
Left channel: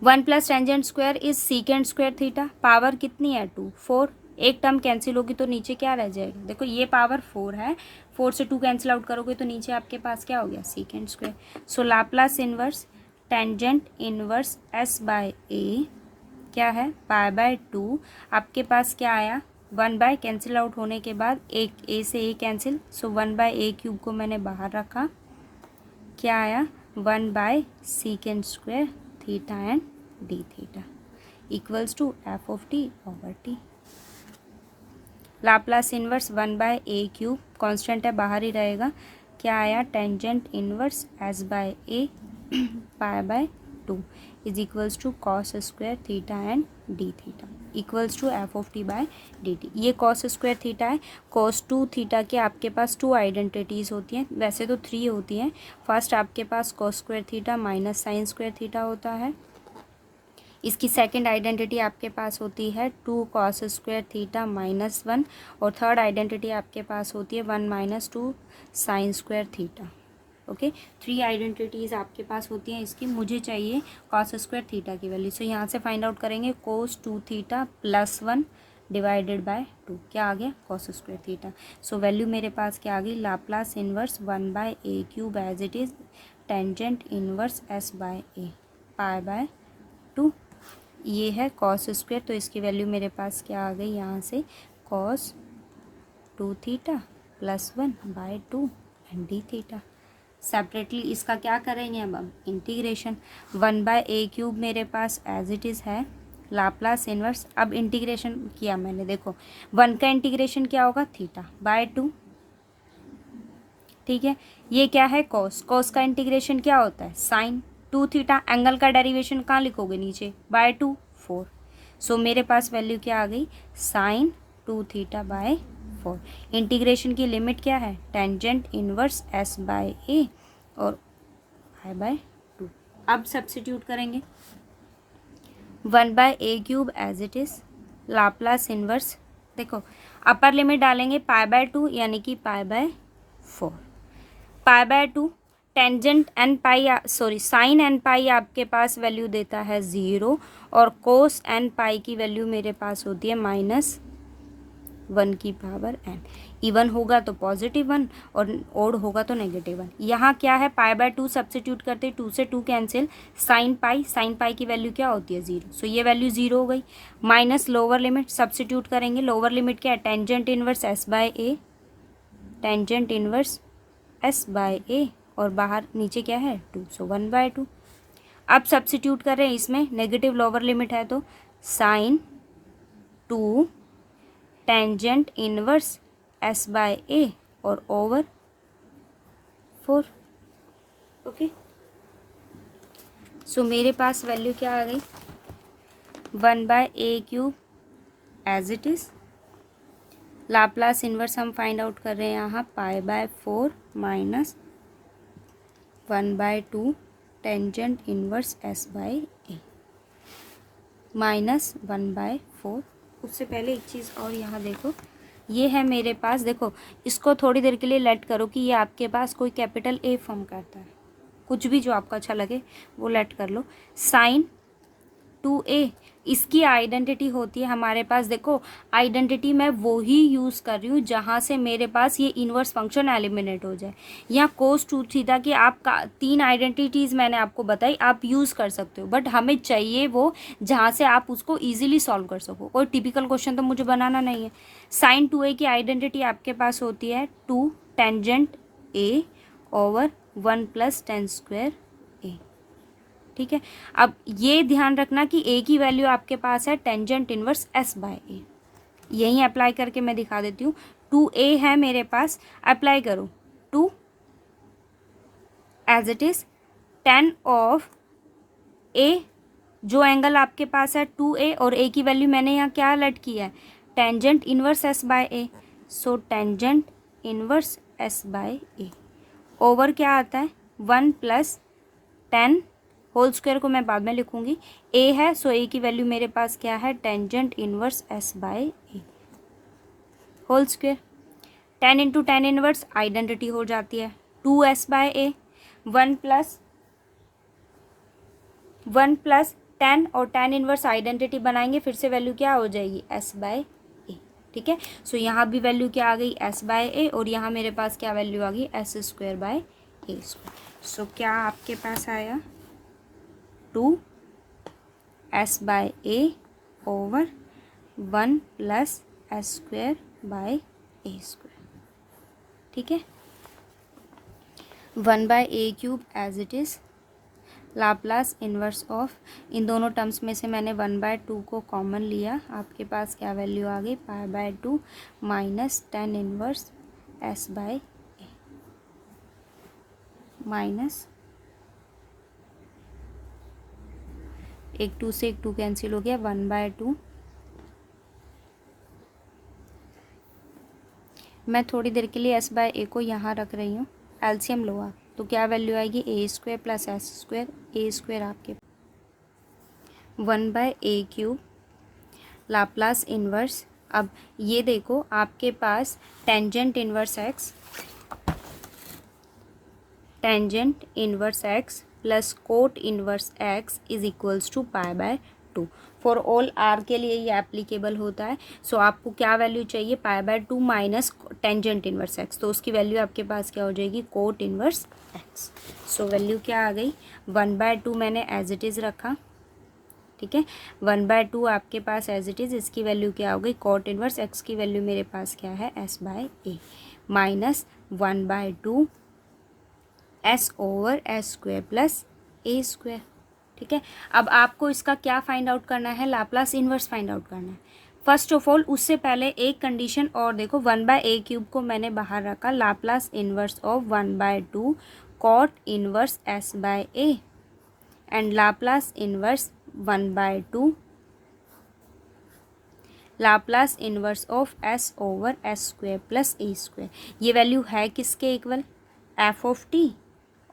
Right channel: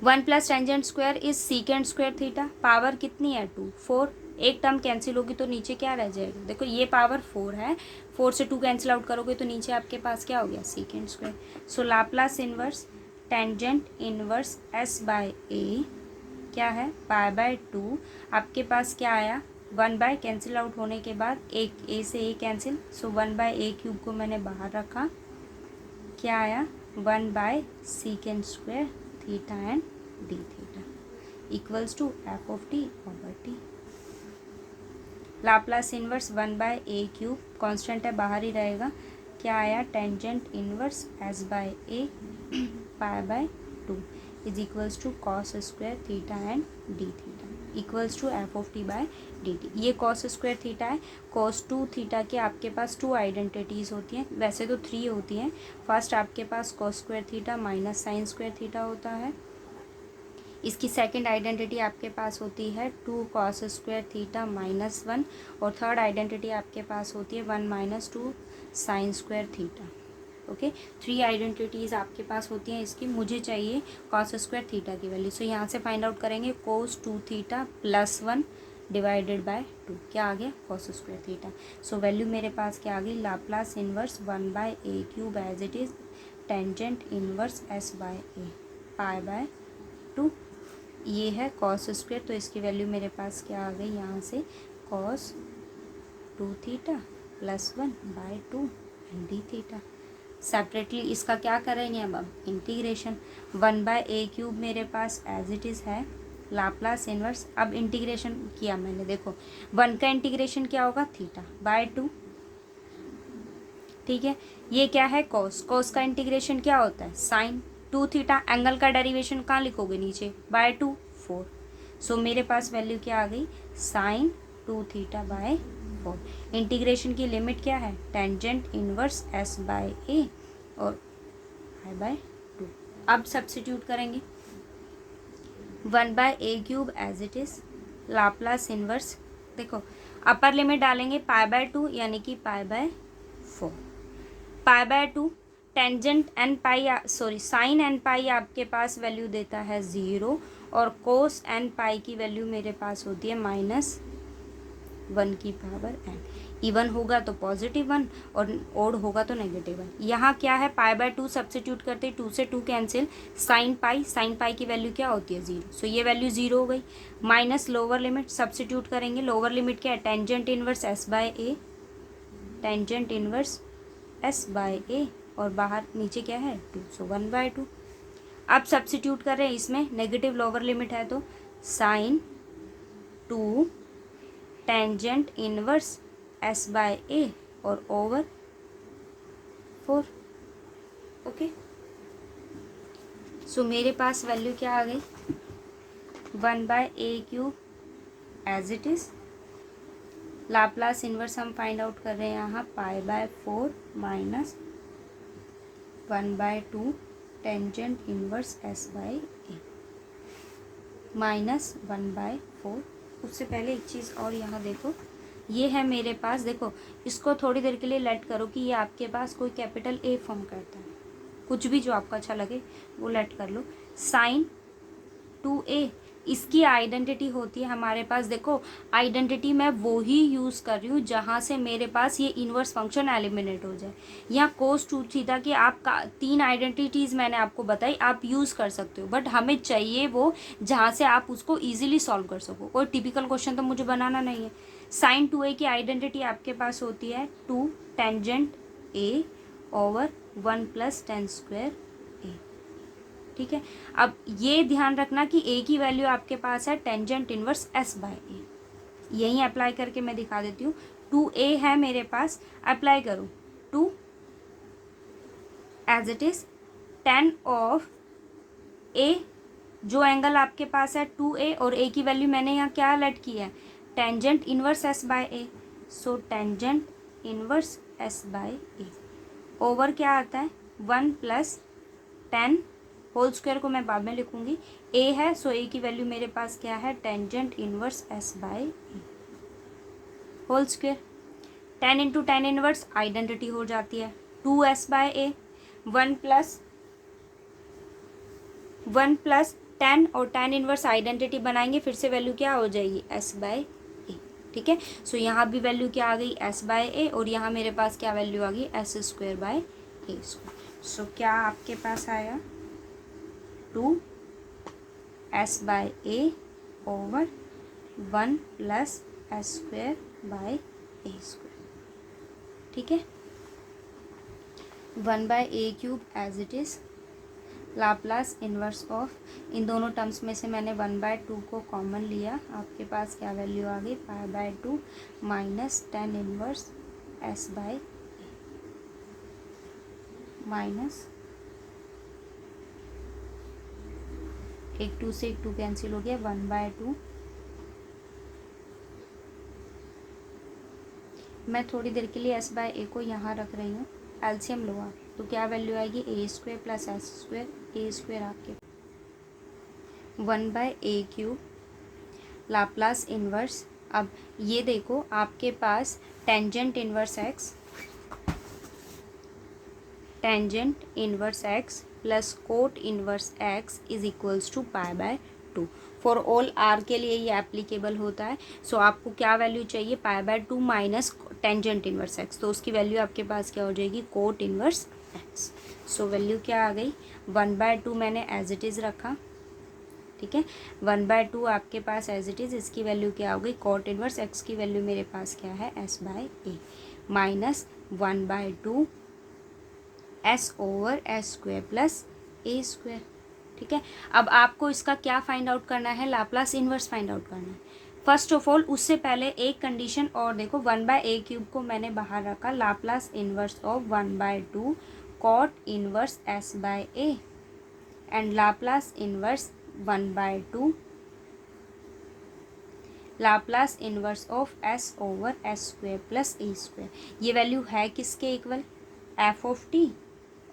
1 plus tangent square is secant square theta, power कितनी है 2, 4। एक टर्म कैंसिल होगी तो नीचे क्या रह जाएगा, देखो ये पावर 4 है, 4 से 2 कैंसिल आउट करोगे तो नीचे आपके पास क्या हो गया, secant square. So Laplace inverse tangent inverse s by a क्या है, पाई बाय 2। आपके पास क्या आया, 1 बाय कैंसिल आउट होने के बाद एक ए से a cancel, so 1 by a cube को मैंने बाहर रखा, क्या आया, 1 by secant square theta and d theta equals to F of T over t. Laplace inverse 1 by a cube constant है, बाहर ही रहेगा, क्या आया, tangent inverse s by a pi by 2 is equals to cos square theta and d theta equals to F of t by d T. ये cos square theta है, cos 2 theta के आपके पास 2 आइडेंटिटीज़ होती हैं, वैसे तो 3 होती हैं। फर्स्ट आपके पास cos square theta minus sine square theta होता है, इसकी सेकंड आइडेंटिटी आपके पास होती है 2 कॉस स्क्वायर थीटा माइनस 1, और थर्ड आइडेंटिटी आपके पास होती है 1 minus 2 sine square theta. Okay, 3 identities आपके पास होती हैं इसकी। मुझे चाहिए कॉस स्क्वायर थीटा की वैल्यू, सो यहाँ से फाइंड आउट करेंगे, cos 2 theta plus 1 divided by 2 क्या आ गया, cos square theta. So value मेरे पास क्या आ गई, Laplace inverse 1 by a cube as it is tangent inverse s by a pi by 2। ये है कॉस स्क्वायर, तो इसकी वैल्यू मेरे पास क्या आ गई, यहाँ से cos 2 theta plus 1 by 2 and d theta separately इसका क्या करेंगे अब इंटीग्रेशन। 1/a³ मेरे पास एज इट इज़ है, लाप्लास इन्वर्स। अब इंटीग्रेशन किया मैंने, देखो 1 का इंटीग्रेशन क्या होगा θ/2, ठीक है। ये क्या है कॉस, कॉस का इंटीग्रेशन क्या होता है साइन 2θ। एंगल का डेरिवेशन कहाँ लिखोगे नीचे, /2 4। सो मेरे पास वैल्यू क्या आ गई साइन 2θ/4। इंटीग्रेशन की लिमिट क्या है टेंजेंट इनवर्स s/a और i/2। अब सब्स्टिट्यूट करेंगे 1/a³ as it is, Laplace inverse, देखो अपर लिमिट डालेंगे π/2 यानी कि π/4। π/2 tangent n pi sorry sine n pi आपके पास वैल्यू देता है 0 और कोस एन पाई की वैल्यू मेरे पास होती है -1 की पावर n। इवन होगा तो +1 और ओड होगा तो -1। यहाँ क्या है π/2 सब्स्टिट्यूट करते 2 से 2 कैंसिल, साइन पाई की वैल्यू क्या होती है 0। सो ये वैल्यू 0 हो गई। माइनस लोअर लिमिट सब्स्टिट्यूट करेंगे, लोअर लिमिट क्या है tangent inverse s/a, tangent inverse s/a और बाहर नीचे क्या है 2, सो 1/2। अब सब्स्टिट्यूट कर रहे हैं इसमें, नेगेटिव लोअर लिमिट है तो साइन 2 टेंजेंट इनवर्स s/a और ओवर 4। ओके, सो मेरे पास वैल्यू क्या आ गई 1/a³ as it is, Laplace inverse हम फाइंड आउट कर रहे हैं यहाँ π/4 minus 1/2 tangent inverse s/a minus 1/4। उससे पहले एक चीज़ और यहाँ देखो, ये है मेरे पास, देखो इसको थोड़ी देर के लिए लेट करो कि ये आपके पास कोई कैपिटल A फॉर्म करता है, कुछ भी जो आपका अच्छा लगे वो लेट कर लो। साइन 2a इसकी आइडेंटिटी होती है हमारे पास, देखो आइडेंटिटी मैं वो ही यूज़ कर रही हूँ जहाँ से मेरे पास ये इन्वर्स फंक्शन एलिमिनेट हो जाए। यहाँ कोस 2θ की आपका 3 आइडेंटिटीज़ मैंने आपको बताई, आप यूज़ कर सकते हो, बट हमें चाहिए वो जहाँ से आप उसको ईजिली सॉल्व कर सको। कोई टिपिकल क्वेश्चन तो मुझे बनाना नहीं है। साइन 2a की आइडेंटिटी आपके पास होती है 2 tangent a over 1 + tan² a, ठीक है। अब ये ध्यान रखना कि a की वैल्यू आपके पास है टेंजेंट इनवर्स s/a। यहीं अप्लाई करके मैं दिखा देती हूँ। 2a है मेरे पास, अप्लाई करो 2 as it is tan of a, जो एंगल आपके पास है 2a और a की वैल्यू मैंने यहाँ क्या लेट किया है tangent inverse s/a। So tangent inverse s/a over क्या आता है 1 + tan होल स्क्वायर को मैं बाद में लिखूंगी। a है सो a की वैल्यू मेरे पास क्या है tangent inverse s/a whole square. tan into tan inverse identity हो जाती है 2s/a, 1 + tan और tan इनवर्स आइडेंटिटी बनाएंगे, फिर से वैल्यू क्या हो जाएगी s/a, ठीक है। सो यहाँ भी वैल्यू क्या आ गई s/a और यहाँ मेरे पास क्या वैल्यू आ गई s²/a²। सो क्या आपके पास आया 2 s/a ओवर 1 + s²/a², ठीक है। 1/a³ as it is, Laplace inverse of, इन दोनों टर्म्स में से मैंने 1/2 को कॉमन लिया, आपके पास क्या वैल्यू आ गई π/2 minus tan inverse s/a minus एक 2 से एक 2 कैंसिल हो गया 1/2। मैं थोड़ी देर के लिए s/a को यहाँ रख रही हूँ, एलसीएम लो आप, तो क्या वैल्यू आएगी a² + s², a² आपके 1/a³ लाप्लास इन्वर्स। अब ये देखो आपके पास tangent inverse x, tangent inverse x plus cot inverse x is equals to π/2। For all r के लिए ये एप्लीकेबल होता है। सो आपको क्या वैल्यू चाहिए π/2 माइनस टेंजेंट इन्वर्स x, तो उसकी वैल्यू आपके पास क्या हो जाएगी cot inverse x। So value क्या आ गई 1/2 मैंने एज इट इज़ रखा, ठीक है। 1/2 आपके पास एज इट इज़, इसकी वैल्यू क्या हो गई कोट इन्वर्स x की वैल्यू मेरे पास क्या है s/a minus 1/2 s over s square plus a square. ठीक है, अब आपको इसका क्या फाइंड आउट करना है, लाप्लास इन्वर्स फाइंड आउट करना है। फर्स्ट ऑफ ऑल उससे पहले एक कंडीशन और देखो, 1/a³ को मैंने बाहर रखा, Laplace inverse of 1/2 cot inverse s by a and Laplace inverse 1/2 Laplace inverse of s over s square plus a square. ये वैल्यू है किसके equal, f of t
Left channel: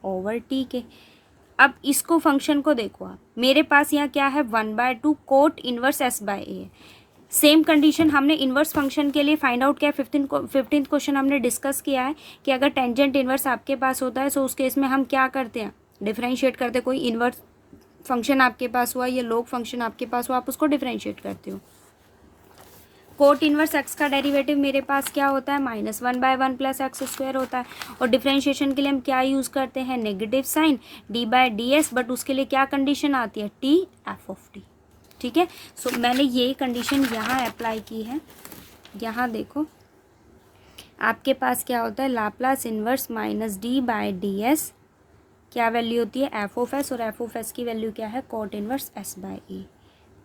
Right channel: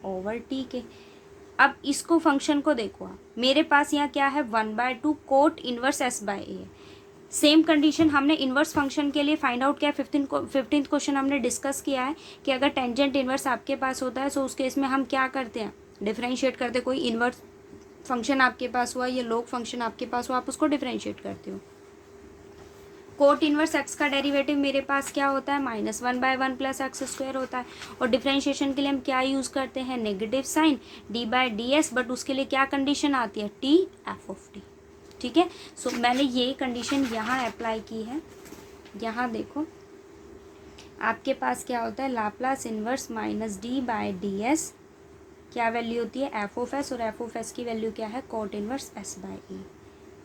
over t के। अब इसको फंक्शन को देखो आप, मेरे पास यहाँ क्या है, 1/2 cot inverse s by a है। सेम कंडीशन हमने इन्वर्स फंक्शन के लिए फाइंड आउट किया है। 15th क्वेश्चन हमने डिस्कस किया है कि अगर टेंजेंट इन्वर्स आपके पास होता है तो उस केस में हम क्या करते हैं, डिफरेंशिएट करते हैं। कोई इन्वर्स फंक्शन आपके पास हुआ या लॉग फंक्शन आपके पास हुआ, आप उसको डिफरेंशिएट करते हो। कोट इन्वर्स एक्स का डेरिवेटिव मेरे पास क्या होता है, -1/1 प्लस एक्स स्क्वायर होता है। और डिफरेंशिएशन के लिए हम क्या यूज़ करते हैं, नेगेटिव साइन d/ds, बट उसके लिए क्या कंडीशन आती है, t f ऑफ t। ठीक है, सो मैंने ये कंडीशन यहाँ अप्लाई की है। यहाँ देखो आपके पास क्या होता है, लाप्लास इन्वर्स -d/ds क्या वैल्यू होती है, f ऑफ s, और f ऑफ s की वैल्यू क्या है, cot inverse s by a।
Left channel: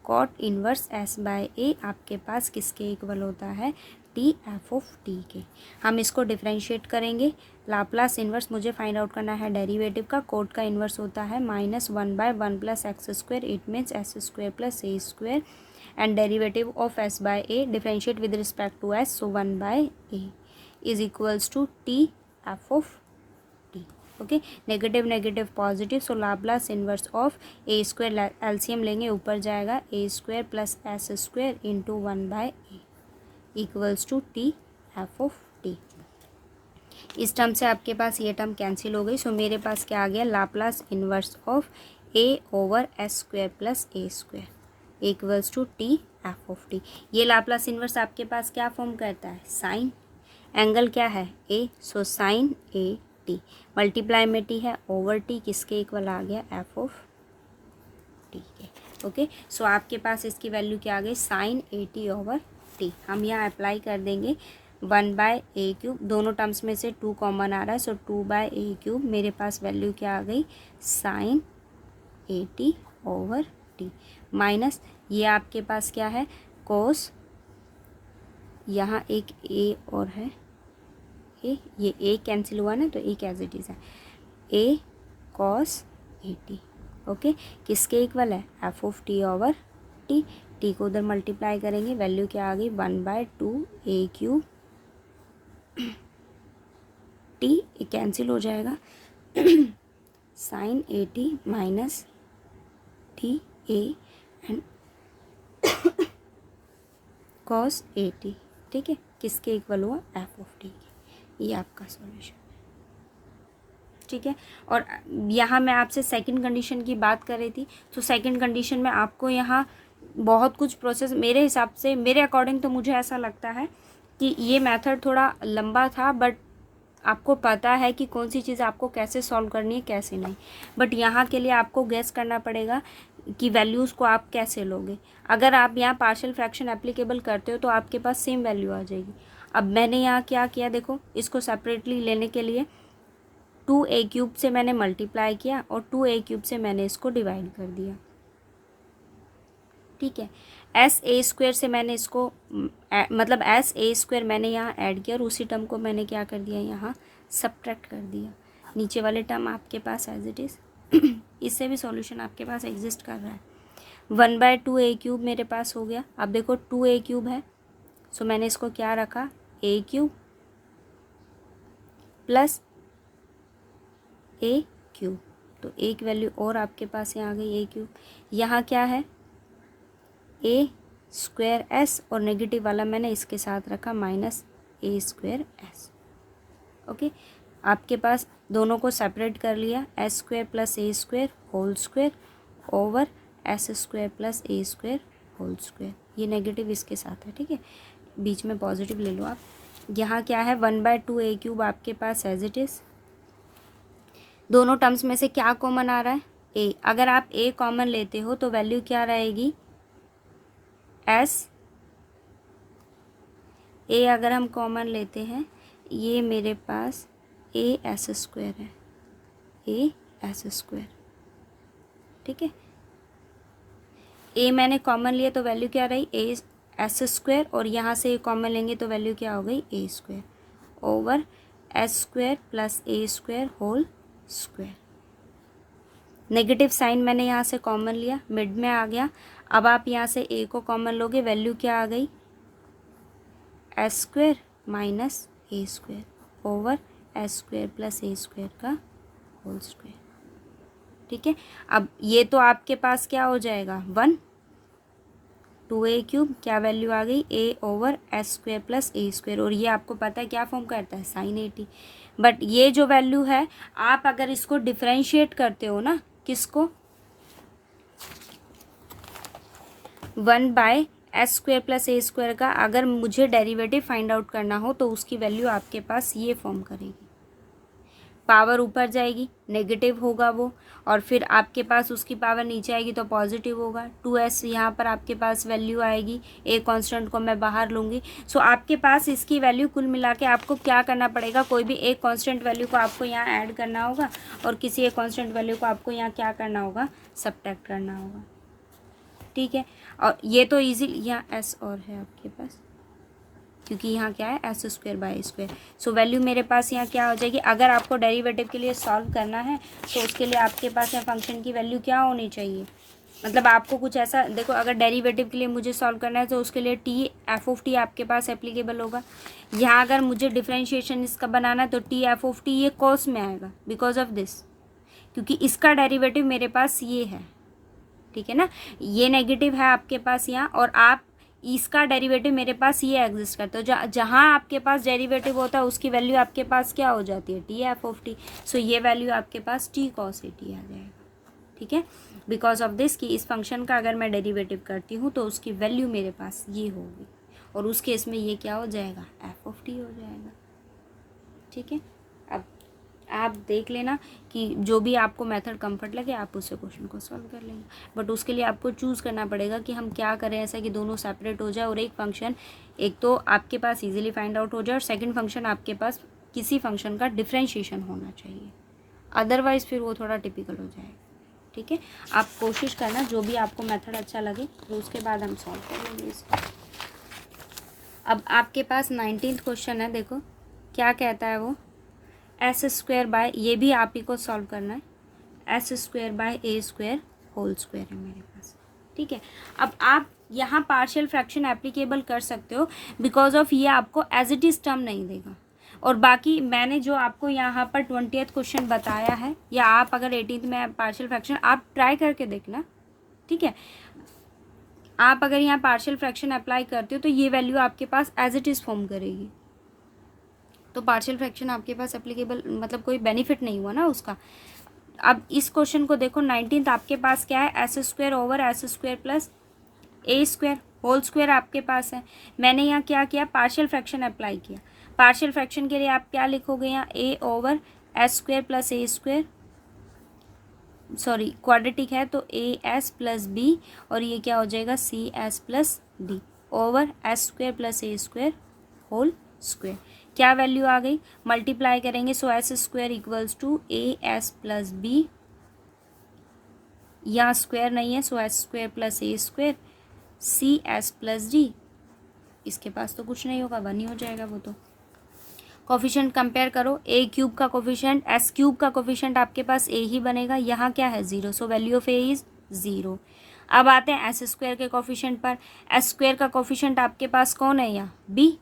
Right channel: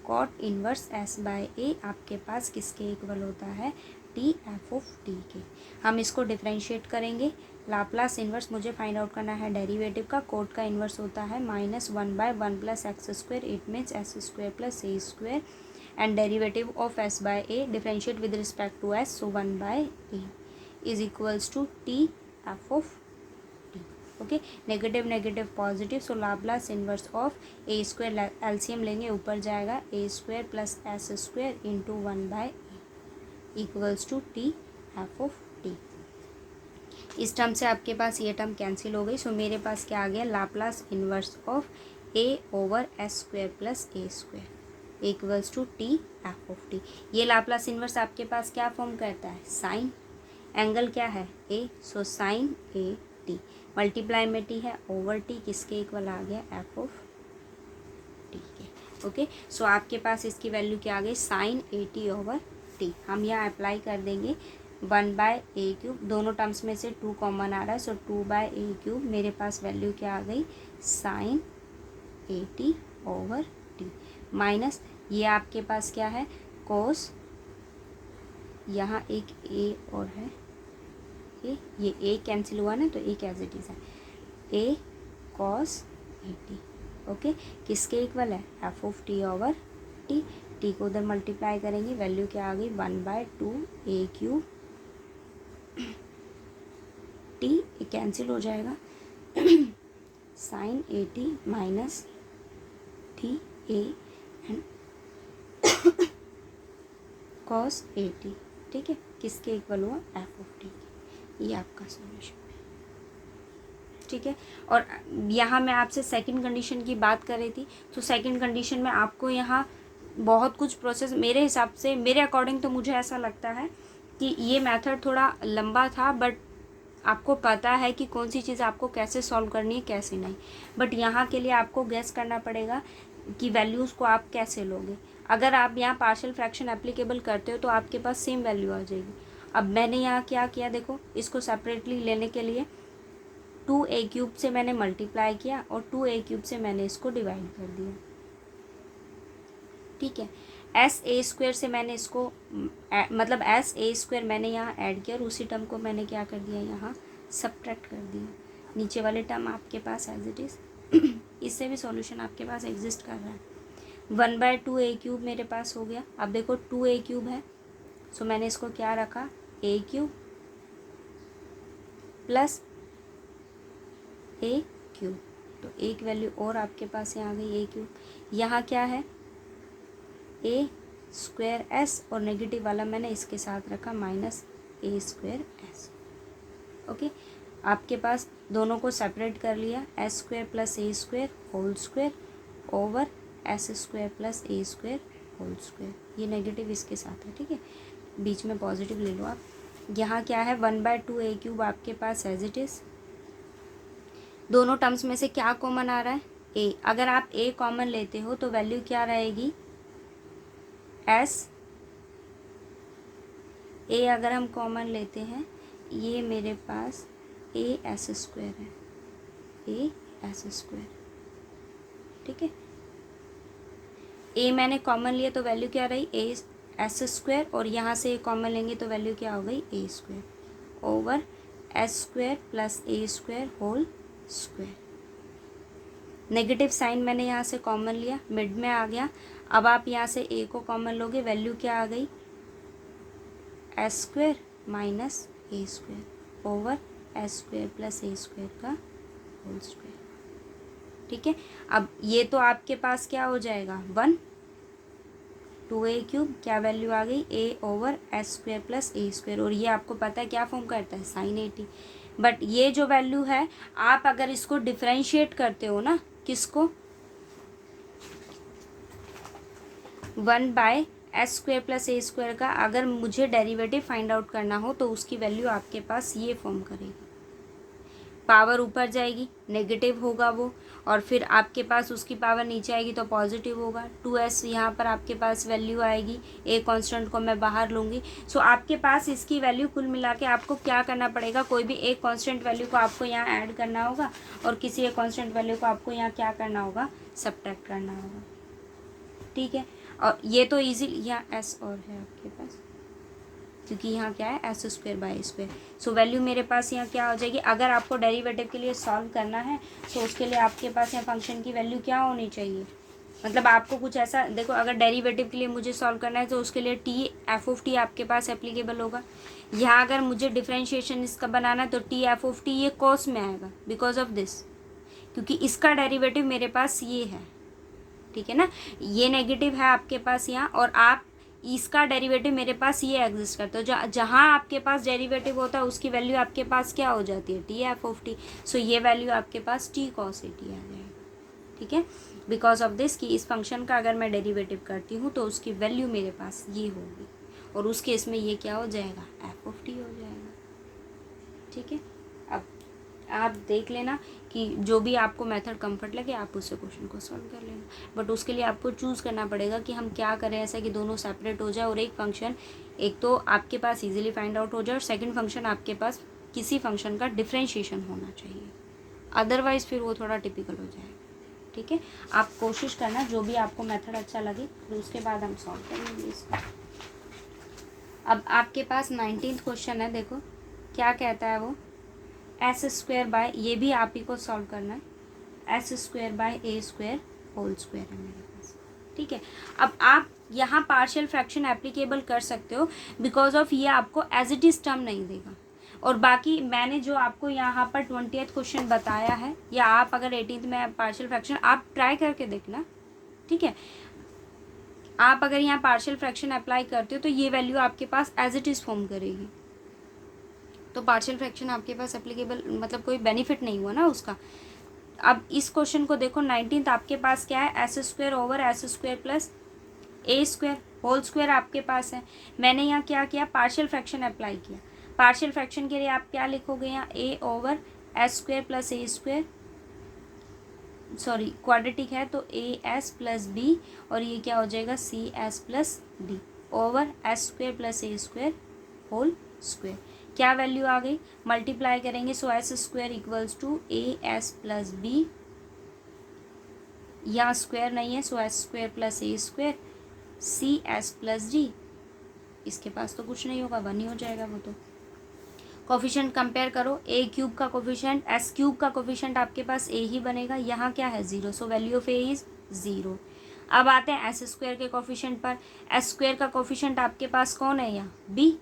Cot inverse s by a आपके पास किसके इक्वल होता है, t f ऑफ t के। हम इसको डिफरेंशिएट करेंगे। लाप्लास इन्वर्स मुझे फाइंड आउट करना है डेरिवेटिव का। कोट का इन्वर्स होता है -1/1 plus x square, it means s square plus a square, and derivative of s by a differentiate with respect to s, so 1/a is equals to t f of okay. Negative negative positive, so Laplace inverse of a square, LCM लेंगे ऊपर जाएगा, a square plus s square into 1/a equals to T F of t. इस term से आपके पास ये term cancel हो गई। सो मेरे पास क्या आ गया, Laplace inverse of a over s square plus a square equals to T F of t. ये लाप्लास इन्वर्स आपके पास क्या फॉर्म करता है, साइन, एंगल क्या है a, so sine a t, multiply में टी है, ओवर टी किसके इक्वल आ गया, एफ ऑफ टी के। ओके, सो आपके पास इसकी वैल्यू क्या आ गई, sine a t over t. हम यहाँ अप्लाई कर देंगे 1/a³, दोनों टर्म्स में से 2 कॉमन आ रहा है, सो 2/a³, मेरे पास वैल्यू क्या आ गई, sine a t over t, minus ये आपके पास क्या है, कोस, यहाँ एक ए और है, ये ए कैंसिल हुआ ना, तो एक एज इट इज़ है, ए कॉस ए टी। ओके, किसके इक्वल है, F of T over T. T को उधर मल्टीप्लाई करेंगे, वैल्यू क्या आ गई, 1/2a³ टी कैंसिल हो जाएगा, sine a t minus t a and cos a t. ठीक है, किसके इक्वल हुआ, एफ ऑफ टी के। ये आपका सॉल्यूशन। ठीक है, और यहाँ मैं आपसे सेकंड कंडीशन की बात कर रही थी, तो सेकंड कंडीशन में आपको यहाँ बहुत कुछ प्रोसेस, मेरे हिसाब से, मेरे अकॉर्डिंग तो मुझे ऐसा लगता है कि ये मेथड थोड़ा लंबा था, बट आपको पता है कि कौन सी चीज़ आपको कैसे सॉल्व करनी है, कैसे नहीं। बट यहाँ के लिए आपको गेस करना पड़ेगा कि वैल्यूज़ को आप कैसे लोगे। अगर आप यहाँ पार्शियल फ्रैक्शन एप्लीकेबल करते हो तो आपके पास सेम वैल्यू आ जाएगी। अब मैंने यहाँ क्या किया, देखो इसको सेपरेटली लेने के लिए 2a³ से मैंने मल्टीप्लाई किया और 2a³ से मैंने इसको डिवाइड कर दिया। ठीक है, sa² से मैंने इसको मतलब sa² मैंने यहाँ ऐड किया और उसी टर्म को मैंने क्या कर दिया, यहाँ सब्ट्रैक्ट कर दिया। नीचे वाले टर्म आपके पास एज इट इज़ इससे भी सॉल्यूशन आपके पास एग्जिस्ट कर रहा है। 1/2a³ मेरे पास हो गया। अब देखो 2a³ है, सो मैंने इसको क्या रखा, a³ प्लस a³, तो एक वैल्यू और आपके पास यहाँ आ गई a³। यहाँ क्या है, a²s और नेगेटिव वाला मैंने इसके साथ रखा -a²s। ओके, आपके पास दोनों को सेपरेट कर लिया, s² plus a² whole square over s² plus a² whole square. ये नेगेटिव इसके साथ है, ठीक है, बीच में पॉजिटिव ले लो आप। यहाँ क्या है, 1/2a³ आपके पास एज इट इज़। दोनों टर्म्स में से क्या कॉमन आ रहा है, a। अगर आप a कॉमन लेते हो तो वैल्यू क्या रहेगी, s। a अगर हम कॉमन लेते हैं, ये मेरे पास as² है, ए एस स्क्वायर। ठीक है, ए मैंने कॉमन लिया तो वैल्यू क्या रही ए एस स्क्वायर, और यहाँ से ए कॉमन लेंगे तो वैल्यू क्या हो गई a square over s square plus a square whole square. Negative sine मैंने यहाँ से कॉमन लिया, मिड में आ गया। अब आप यहाँ से ए को कॉमन लोगे, वैल्यू क्या आ गई s square minus a square over s square plus a square का होल स्क्वायर। ठीक है, अब ये तो आपके पास क्या हो जाएगा 1 2a क्यूब, क्या वैल्यू आ गई a over s square plus a square, और ये आपको पता है क्या फॉर्म करता है साइन 80। बट ये जो वैल्यू है आप अगर इसको डिफ्रेंशिएट करते हो ना, किसको 1 by S square plus a square का अगर मुझे डेरिवेटिव फाइंड आउट करना हो तो उसकी वैल्यू आपके पास ये फॉर्म करेगी, पावर ऊपर जाएगी नेगेटिव होगा वो, और फिर आपके पास उसकी पावर नीचे आएगी तो पॉजिटिव होगा। 2s यहाँ पर आपके पास वैल्यू आएगी, ए कांस्टेंट को मैं बाहर लूँगी। सो आपके पास इसकी वैल्यू कुल मिला के आपको क्या करना पड़ेगा, कोई भी एक कांस्टेंट वैल्यू को आपको यहाँ ऐड करना होगा और किसी एक कांस्टेंट वैल्यू को आपको यहाँ क्या करना होगा सब्ट्रैक्ट करना होगा। ठीक है, और ये तो ईजीली यहाँ एस और है आपके पास, क्योंकि यहाँ क्या है s square by square. So value मेरे पास यहाँ क्या हो जाएगी, अगर आपको डेरिवेटिव के लिए सॉल्व करना है तो उसके लिए आपके पास यहाँ फंक्शन की वैल्यू क्या होनी चाहिए, मतलब आपको कुछ ऐसा देखो, अगर डेरिवेटिव के लिए मुझे सॉल्व करना है तो उसके लिए टी एफ ऑफ टी आपके पास एप्लीकेबल होगा। यहाँ अगर मुझे डिफ्रेंशिएशन इसका बनाना है तो टी एफ ऑफ टी ये कॉस में आएगा बिकॉज ऑफ दिस, क्योंकि इसका डेरिवेटिव मेरे पास ये है। ठीक है ना, ये नेगेटिव है आपके पास यहाँ, और आप इसका डेरिवेटिव मेरे पास ये एग्जिस्ट करता है, तो जहाँ आपके पास डेरिवेटिव होता है उसकी वैल्यू आपके पास क्या हो जाती है टी एफ ऑफ टी। सो ये वैल्यू आपके पास टी कॉस ए टी आ जाएगा। ठीक है, बिकॉज ऑफ दिस कि इस फंक्शन का अगर मैं डेरिवेटिव करती हूँ तो उसकी वैल्यू मेरे पास ये होगी, और उस केस में ये क्या हो जाएगा एफ ऑफ टी हो जाएगा। ठीक है, अब आप देख लेना कि जो भी आपको मेथड कंफर्ट लगे आप उससे क्वेश्चन को सॉल्व कर लेना, बट उसके लिए आपको चूज़ करना पड़ेगा कि हम क्या करें ऐसा कि दोनों सेपरेट हो जाए और एक फंक्शन एक तो आपके पास इजीली फाइंड आउट हो जाए और सेकंड फंक्शन आपके पास किसी फंक्शन का डिफ्रेंशिएशन होना चाहिए, अदरवाइज़ फिर वो थोड़ा टिपिकल हो जाएगा। ठीक है, आप कोशिश करना जो भी आपको मेथड अच्छा लगे, तो उसके बाद हम सॉल्व कर लेंगे इसको। अब आपके पास 19th क्वेश्चन है, देखो क्या कहता है वो, एस स्क्वायर बाय, ये भी आप ही को सॉल्व करना है, s square by a square whole square है मेरे पास। ठीक है, अब आप यहाँ पार्शियल फ्रैक्शन एप्लीकेबल कर सकते हो बिकॉज ऑफ ये आपको एज इट इज़ टर्म नहीं देगा, और बाकी मैंने जो आपको यहाँ पर 20th क्वेश्चन बताया है, या आप अगर 18th में पार्शियल फ्रैक्शन आप ट्राई करके देखना। ठीक है, आप अगर यहाँ पार्शियल फ्रैक्शन अप्लाई करते हो तो ये वैल्यू आपके पास एज इट इज़ फॉर्म करेगी, तो पार्शियल फ्रैक्शन आपके पास एप्लीकेबल मतलब कोई बेनिफिट नहीं हुआ ना उसका। अब इस क्वेश्चन को देखो 19th आपके पास क्या है, s square over s square plus a square whole square आपके पास है। मैंने यहाँ क्या किया पार्शियल फ्रैक्शन अप्लाई किया, पार्शियल फ्रैक्शन के लिए आप क्या लिखोगे यहाँ a over s square plus a square, sorry quadratic है तो ए एस प्लस बी, और ये क्या हो जाएगा c s plus d over s square plus a square whole square. क्या वैल्यू आ गई, मल्टीप्लाई करेंगे so s square equals to a s plus b, यहाँ स्क्वायर नहीं है so s square plus a square c s plus d, इसके पास तो कुछ नहीं होगा 1 ही हो जाएगा वो तो। कोफिशिएंट कंपेयर करो, ए क्यूब का कोफिशिएंट एस क्यूब का कोफिशिएंट आपके पास ए ही बनेगा, यहाँ क्या है 0, so value of A is 0। अब आते हैं एस स्क्वायर के कोफिशिएंट पर, एस स्क्वायर का कोफिशिएंट आपके पास कौन है यहाँ बी,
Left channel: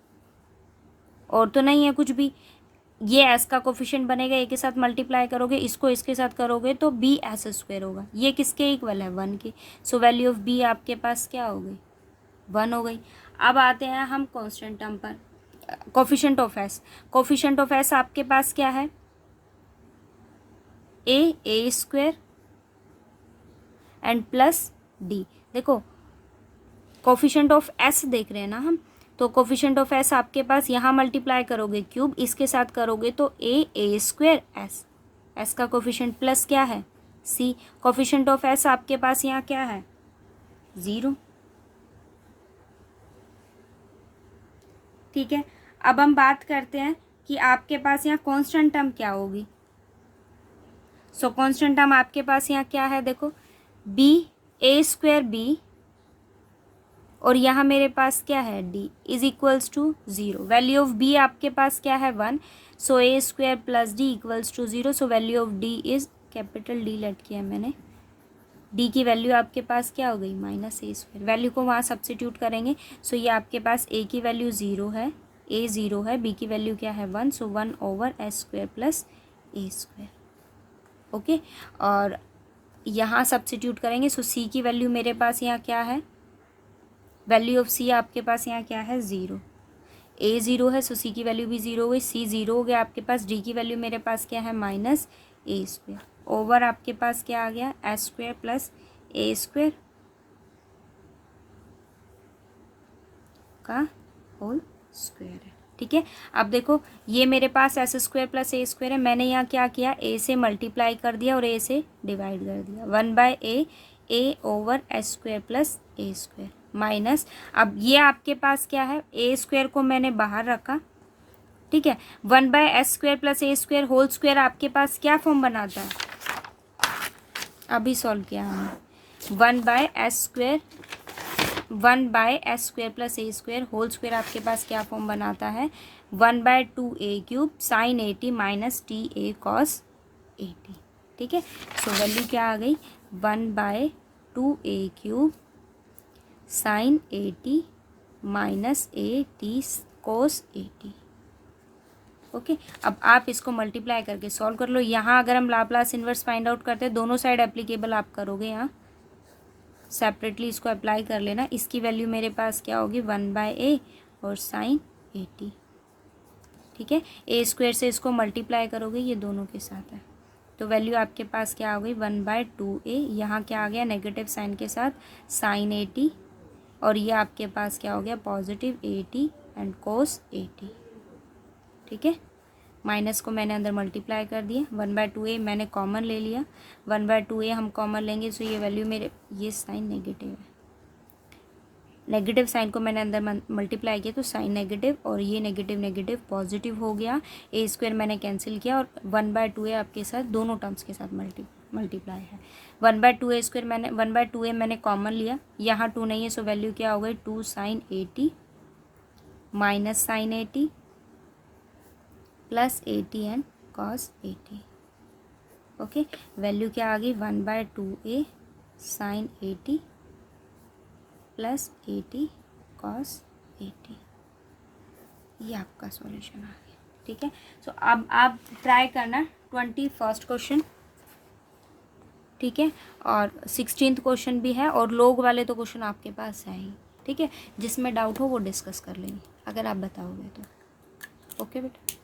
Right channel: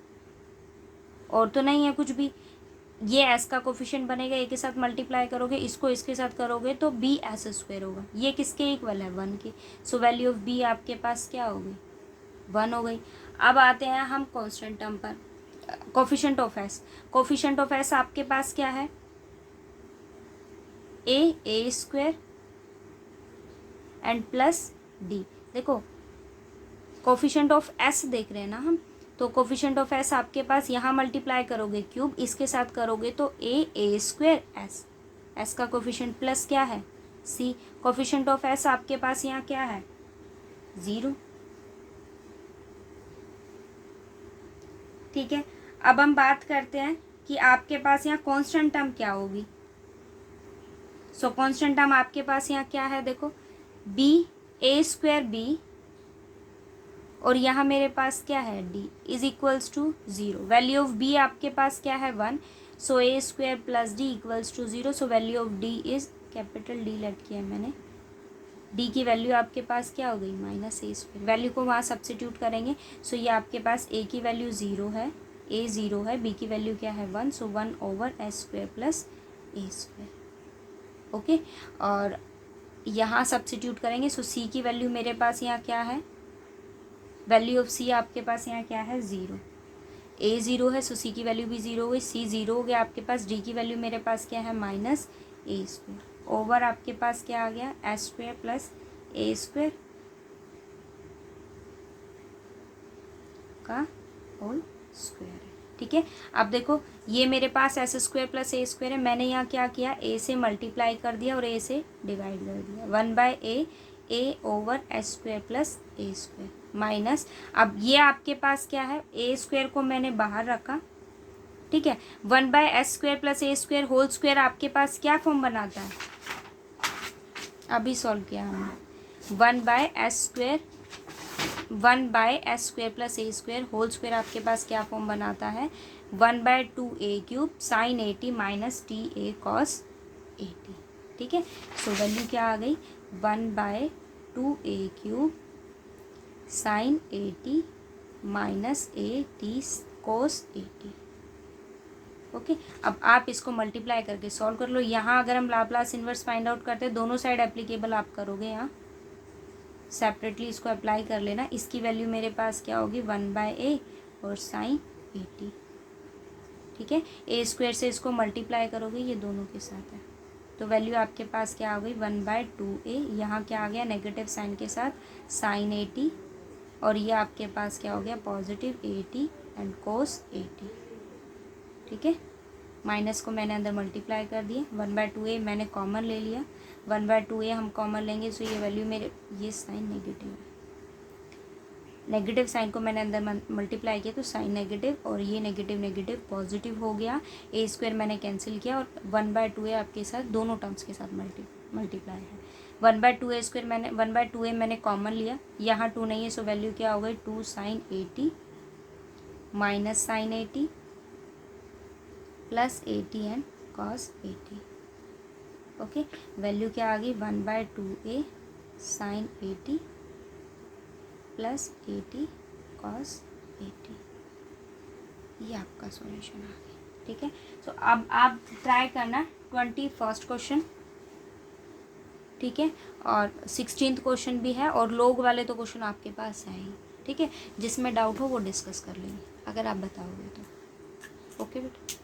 और तो नहीं है कुछ भी, ये एस का कोफिशिएंट बनेगा, ए के साथ मल्टीप्लाई करोगे इसको इसके साथ करोगे तो बी एस स्क्वायर होगा, ये किसके इक्वल है 1 के, सो वैल्यू ऑफ बी आपके पास क्या हो गई 1 हो गई। अब आते हैं हम कांस्टेंट टर्म पर, coefficient of S, coefficient of S आपके पास क्या है ए स्क्वायर एंड प्लस डी। देखो कोफिशिएंट ऑफ एस देख रहे हैं ना हम, तो कोफिशिएंट ऑफ एस आपके पास यहाँ मल्टीप्लाई करोगे क्यूब इसके साथ करोगे तो ए स्क्वायर एस, एस का कोफिशिएंट प्लस क्या है सी, कोफिशिएंट ऑफ एस आपके पास यहाँ क्या है 0। ठीक है, अब हम बात करते हैं कि आपके पास यहाँ कांस्टेंट टर्म क्या होगी, सो कांस्टेंट टर्म आपके पास यहाँ क्या है, देखो बी, ए स्क्वायर बी, और यहाँ मेरे पास क्या है d is equals to 0। Value of b आपके पास क्या है 1, so a square plus d equals to 0। So value of d is, capital d let किया मैंने, डी की वैल्यू आपके पास क्या हो गई माइनस ए स्क्वायर। वैल्यू को वहाँ सब्स्टिट्यूट करेंगे, सो ये आपके पास ए की वैल्यू 0 है, ए 0 है, बी की वैल्यू क्या है 1, सो 1 over s square plus a square. Okay, और यहाँ सब्स्टिट्यूट करेंगे, सो सी की वैल्यू मेरे पास यहाँ क्या है, वैल्यू ऑफ सी आपके पास यहाँ क्या है 0, ए 0 है, सो सी की वैल्यू भी 0 हो गई, सी 0 हो गया आपके पास, डी की वैल्यू मेरे पास क्या है माइनस ए स्क्वायर, ओवर आपके पास क्या आ गया S square plus a square का होल स्क्वायर है। ठीक है, अब देखो ये मेरे पास S square plus a square है, मैंने यहाँ क्या किया, ए से मल्टीप्लाई कर दिया और ए से डिवाइड कर दिया, 1/a, A over s square plus a square minus, अब ये आपके पास क्या है, ए स्क्वायर को मैंने बाहर रखा, ठीक है, 1/s square plus a square whole square आपके पास क्या फॉर्म बनाता है, अभी सॉल्व किया हमने, 1/s square, 1/s square plus a square whole square आपके पास क्या फॉर्म बनाता है, 1/2a cube sine 80 minus t a cos 80। ठीक है, सो वैल्यू क्या आ गई 1/2a cube sine 80 minus a t cos 80। Okay, अब आप इसको मल्टीप्लाई करके सॉल्व कर लो। यहाँ अगर हम लाप्लास इन्वर्स फाइंड आउट करते हैं, दोनों साइड एप्लीकेबल आप करोगे, यहाँ सेपरेटली इसको अप्लाई कर लेना। इसकी वैल्यू मेरे पास क्या होगी 1/a और साइन 80। ठीक है, ए स्क्वायर से इसको मल्टीप्लाई करोगे, ये दोनों के साथ है, तो वैल्यू आपके पास क्या हो गई 1/2a, यहाँ क्या आ गया नेगेटिव साइन के साथ साइन 80, और ये आपके पास क्या हो गया पॉजिटिव 80 एंड कोस 80। ठीक है, माइनस को मैंने अंदर मल्टीप्लाई कर दिया, 1/2a मैंने कॉमन ले लिया, 1/2a हम कॉमन लेंगे, सो ये वैल्यू मेरे, ये साइन नेगेटिव है, नेगेटिव साइन को मैंने अंदर मल्टीप्लाई किया तो साइन नेगेटिव, और ये नेगेटिव नेगेटिव पॉजिटिव हो गया, ए स्क्वायर मैंने कैंसिल किया, और 1/2a आपके साथ दोनों टर्म्स के साथ मल्टीप्लाई है, 1/2a स्क्वायर मैंने 1/2a मैंने कॉमन लिया, यहाँ 2 नहीं है, सो वैल्यू क्या हो गई 2 sine 80 minus sine 80 plus 80 and cos 80। Okay, value क्या आ गई 1/2a साइन 80 प्लस 80 कॉस 80, ये आपका सॉल्यूशन आ गया। ठीक है, सो अब आप ट्राई करना 21st क्वेश्चन, ठीक है, और 16th क्वेश्चन भी है, और लोग वाले तो क्वेश्चन आपके पास है ही। ठीक है, जिसमें डाउट हो वो डिस्कस कर लेंगे अगर आप बताओगे तो। ओके बेटा।